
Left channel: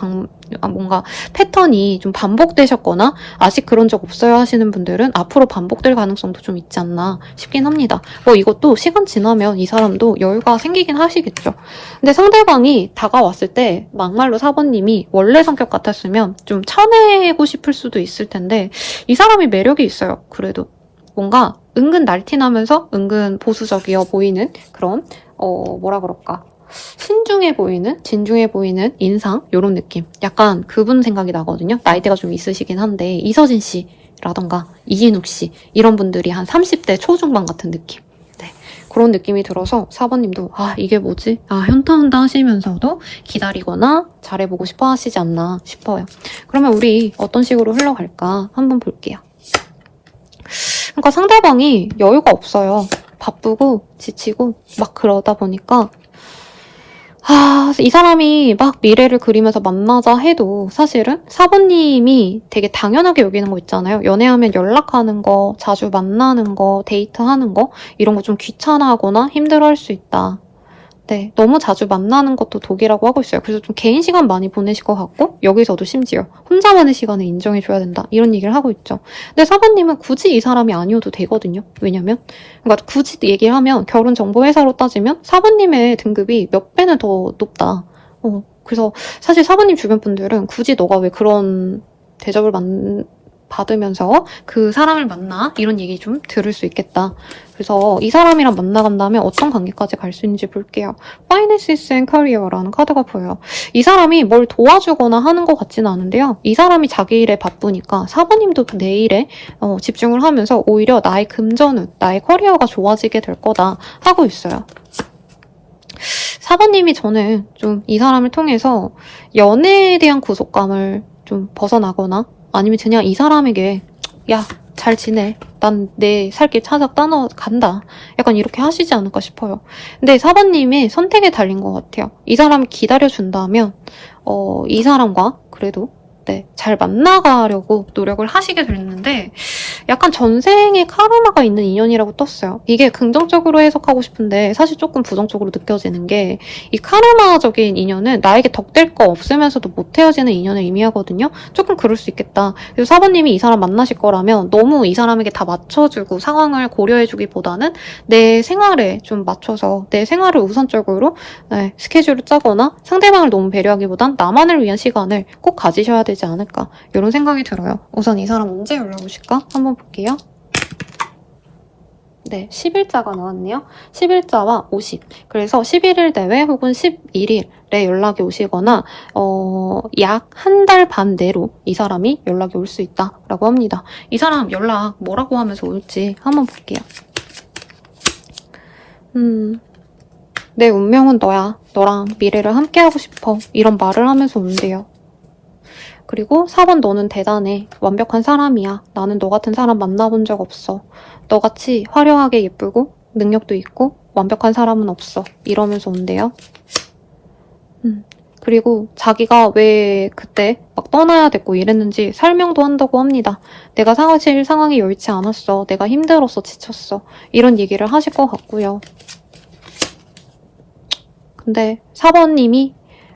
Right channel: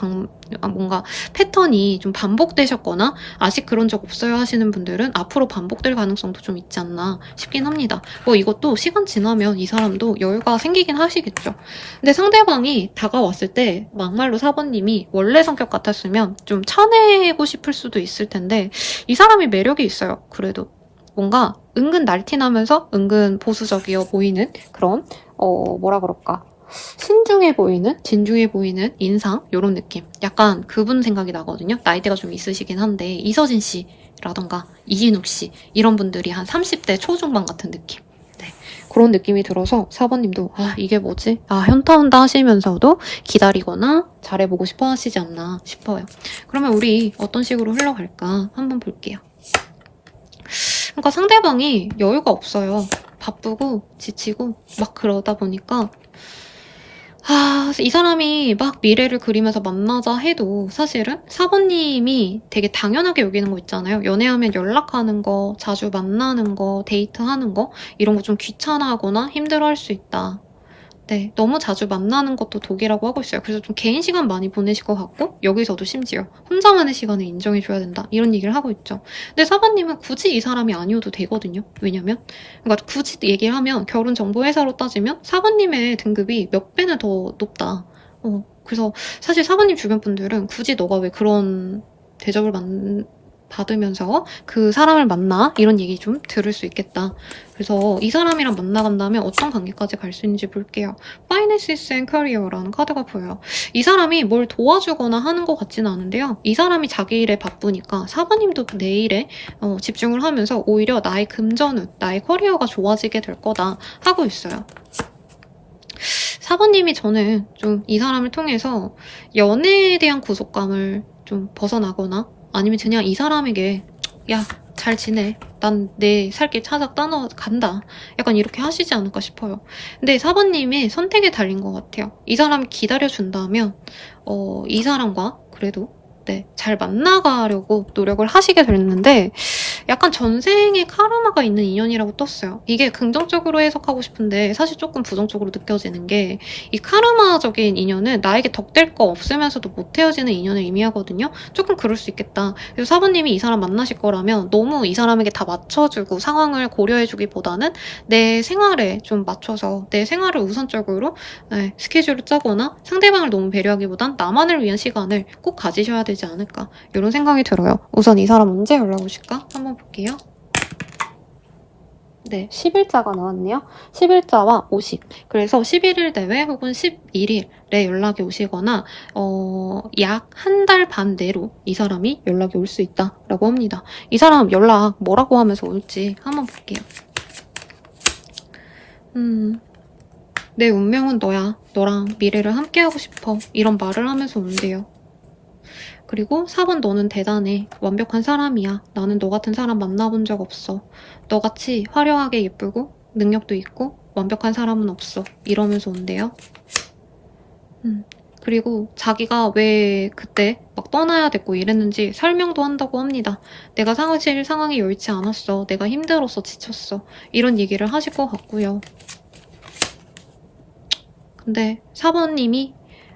뭔가 패턴이 좀 반복되셨거나 아직 그런 적 없어요 하시는 분들은 앞으로 반복될 가능성도 좀 있지 않나 싶긴 합니다. 이것도 시간 지나면 이 사람도 여유가 생기긴 하시겠죠. 근데 상대방이 다가왔을 때 막말로 4번님이 원래 성격 같았으면 좀 쳐내고 싶을 수도 있을 텐데 이 사람이 매력이 있어요. 그래도 뭔가 은근 날티나면서 은근 보수적이어 보이는 그런 뭐라 그럴까, 신중해 보이는, 진중해 보이는 인상, 요런 느낌. 약간 그분 생각이 나거든요. 나이대가 좀 있으시긴 한데 이서진 씨라던가 이진욱 씨 이런 분들이 한 30대 초중반 같은 느낌. 네, 그런 느낌이 들어서 4번님도 이게 뭐지? 현타 온다 하시면서도 기다리거나 잘해보고 싶어 하시지 않나 싶어요. 그러면 우리 어떤 식으로 흘러갈까 한번 볼게요. 그러니까 상대방이 여유가 없어요. 바쁘고 지치고 막 그러다 보니까 이 사람이 막 미래를 그리면서 만나자 해도 사실은 4번님이 되게 당연하게 여기는 거 있잖아요. 연애하면 연락하는 거, 자주 만나는 거, 데이트하는 거 이런 거 좀 귀찮아하거나 힘들어할 수 있다. 네, 너무 자주 만나는 것도 독이라고 하고 있어요. 그래서 좀 개인 시간 많이 보내실 것 같고 여기서도 심지어 혼자만의 시간을 인정해줘야 된다 이런 얘기를 하고 있죠. 근데 4번님은 굳이 이 사람이 아니어도 되거든요. 왜냐면 그러니까 굳이 얘기를 하면 결혼정보회사로 따지면 4번님의 등급이 몇 배는 더 높다. 그래서 사실 4번님 주변 분들은 굳이 너가 왜 그런 대접을 받으면서 그 사람을 만나? 이런 얘기 좀 들을 수 있겠다. 그래서 이 사람이랑 만나간다면 어떤 관계까지 갈 수 있는지 볼게요. Finances and Career라는 카드가 보여요. 이 사람이 뭘 도와주거나 하는 것 같지는 않은데요. 이 사람이 자기 일에 바쁘니까 4번님도 내 일에 집중을 하면서 오히려 나의 금전운, 나의 커리어가 좋아지게 될 거다 하고 있어요. 4번님이 저는 좀 이 사람을 통해서 연애에 대한 구속감을 좀 벗어나거나 아니면 그냥 이 사람에게 야, 잘 지내. 난 내 살 길 찾아 간다. 약간 이렇게 하시지 않을까 싶어요. 근데 4번님의 선택에 달린 것 같아요. 이 사람을 기다려준다면 이 사람과 그래도 잘 만나가려고 노력을 하시게 됐는데 약간 전생에 카르마가 있는 인연이라고 떴어요. 이게 긍정적으로 해석하고 싶은데 사실 조금 부정적으로 느껴지는 게 이 카르마적인 인연은 나에게 덕될 거 없으면서도 못 헤어지는 인연을 의미하거든요. 조금 그럴 수 있겠다. 그래서 4번님이 이 사람 만나실 거라면 너무 이 사람에게 다 맞춰주고 상황을 고려해주기보다는 내 생활에 좀 맞춰서 내 생활을 우선적으로 스케줄을 짜거나 상대방을 너무 배려하기보단 나만을 위한 시간을 꼭 가지셔야 되지 않을까 이런 생각이 들어요. 우선 이 사람 언제 연락 오실까? 한번 볼게요. 네, 10일자가 나왔네요. 10일자와 50. 그래서 11일 내외 혹은 11일에 연락이 오시거나 약 한 달 반 내로 이 사람이 연락이 올 수 있다라고 합니다. 이 사람 연락 뭐라고 하면서 올지 한번 볼게요. 내 운명은 너야. 너랑 미래를 함께하고 싶어. 이런 말을 하면서 온대요. 그리고 4번 너는 대단해. 완벽한 사람이야. 나는 너 같은 사람 만나본 적 없어. 너같이 화려하게 예쁘고 능력도 있고 완벽한 사람은 없어. 이러면서 온대요. 그리고 자기가 왜 그때 막 떠나야 됐고 이랬는지 설명도 한다고 합니다. 내가 사실 상황이 여의치 않았어. 내가 힘들었어. 지쳤어. 이런 얘기를 하실 것 같고요. 근데 4번님이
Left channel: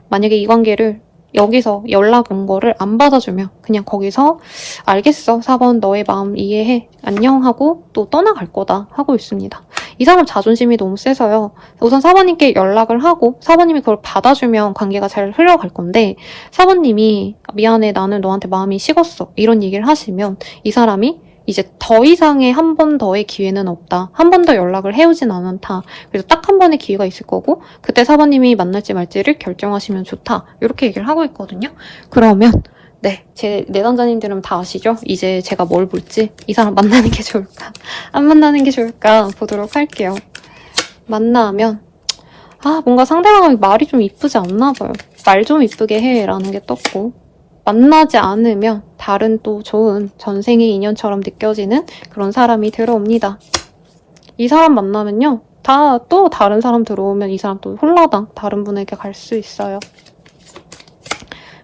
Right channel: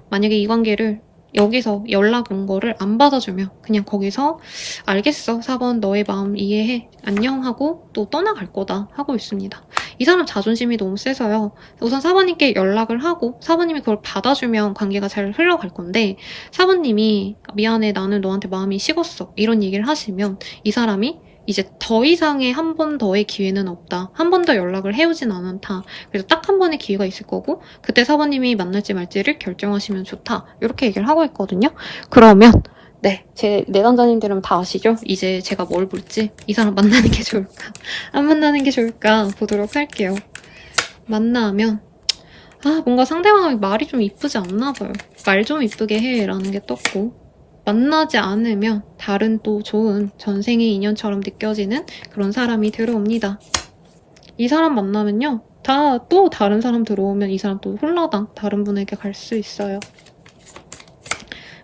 만약에 이 관계를 여기서 연락 온 거를 안 받아주면 그냥 거기서 알겠어 4번 너의 마음 이해해 안녕 하고 또 떠나갈 거다 하고 있습니다. 이 사람 자존심이 너무 세서요. 우선 4번님께 연락을 하고 4번님이 그걸 받아주면 관계가 잘 흘러갈 건데 4번님이 미안해 나는 너한테 마음이 식었어 이런 얘기를 하시면 이 사람이 이제 더 이상의 한 번 더의 기회는 없다. 한 번 더 연락을 해오진 않았다. 그래서 딱 한 번의 기회가 있을 거고 그때 4번님이 만날지 말지를 결정하시면 좋다. 이렇게 얘기를 하고 있거든요. 그러면 제 내담자님들은 다 아시죠? 이제 제가 뭘 볼지 이 사람 만나는 게 좋을까? 안 만나는 게 좋을까? 보도록 할게요. 만나면 뭔가 상대방이 말이 좀 이쁘지 않나 봐요. 말 좀 이쁘게 해 라는 게 떴고 만나지 않으면 다른 또 좋은 전생의 인연처럼 느껴지는 그런 사람이 들어옵니다. 이 사람 만나면요. 또 다른 사람 들어오면 이 사람 또 홀라당 다른 분에게 갈 수 있어요.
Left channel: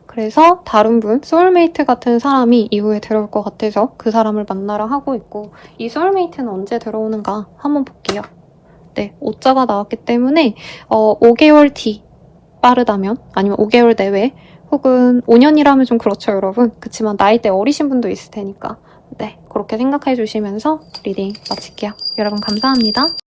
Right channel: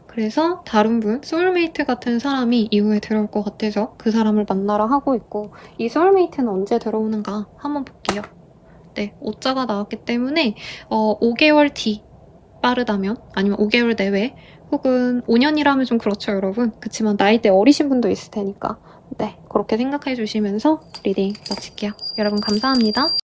그래서 다른 분, 소울메이트 같은 사람이 이후에 들어올 것 같아서 그 사람을 만나러 하고 있고 이 소울메이트는 언제 들어오는가 한번 볼게요. 네, 5자가 나왔기 때문에 5개월 뒤 빠르다면 아니면 5개월 내외 혹은 5년이라면 좀 그렇죠, 여러분. 그치만 나이대 어리신 분도 있을 테니까 네, 그렇게 생각해 주시면서 리딩 마칠게요. 여러분 감사합니다.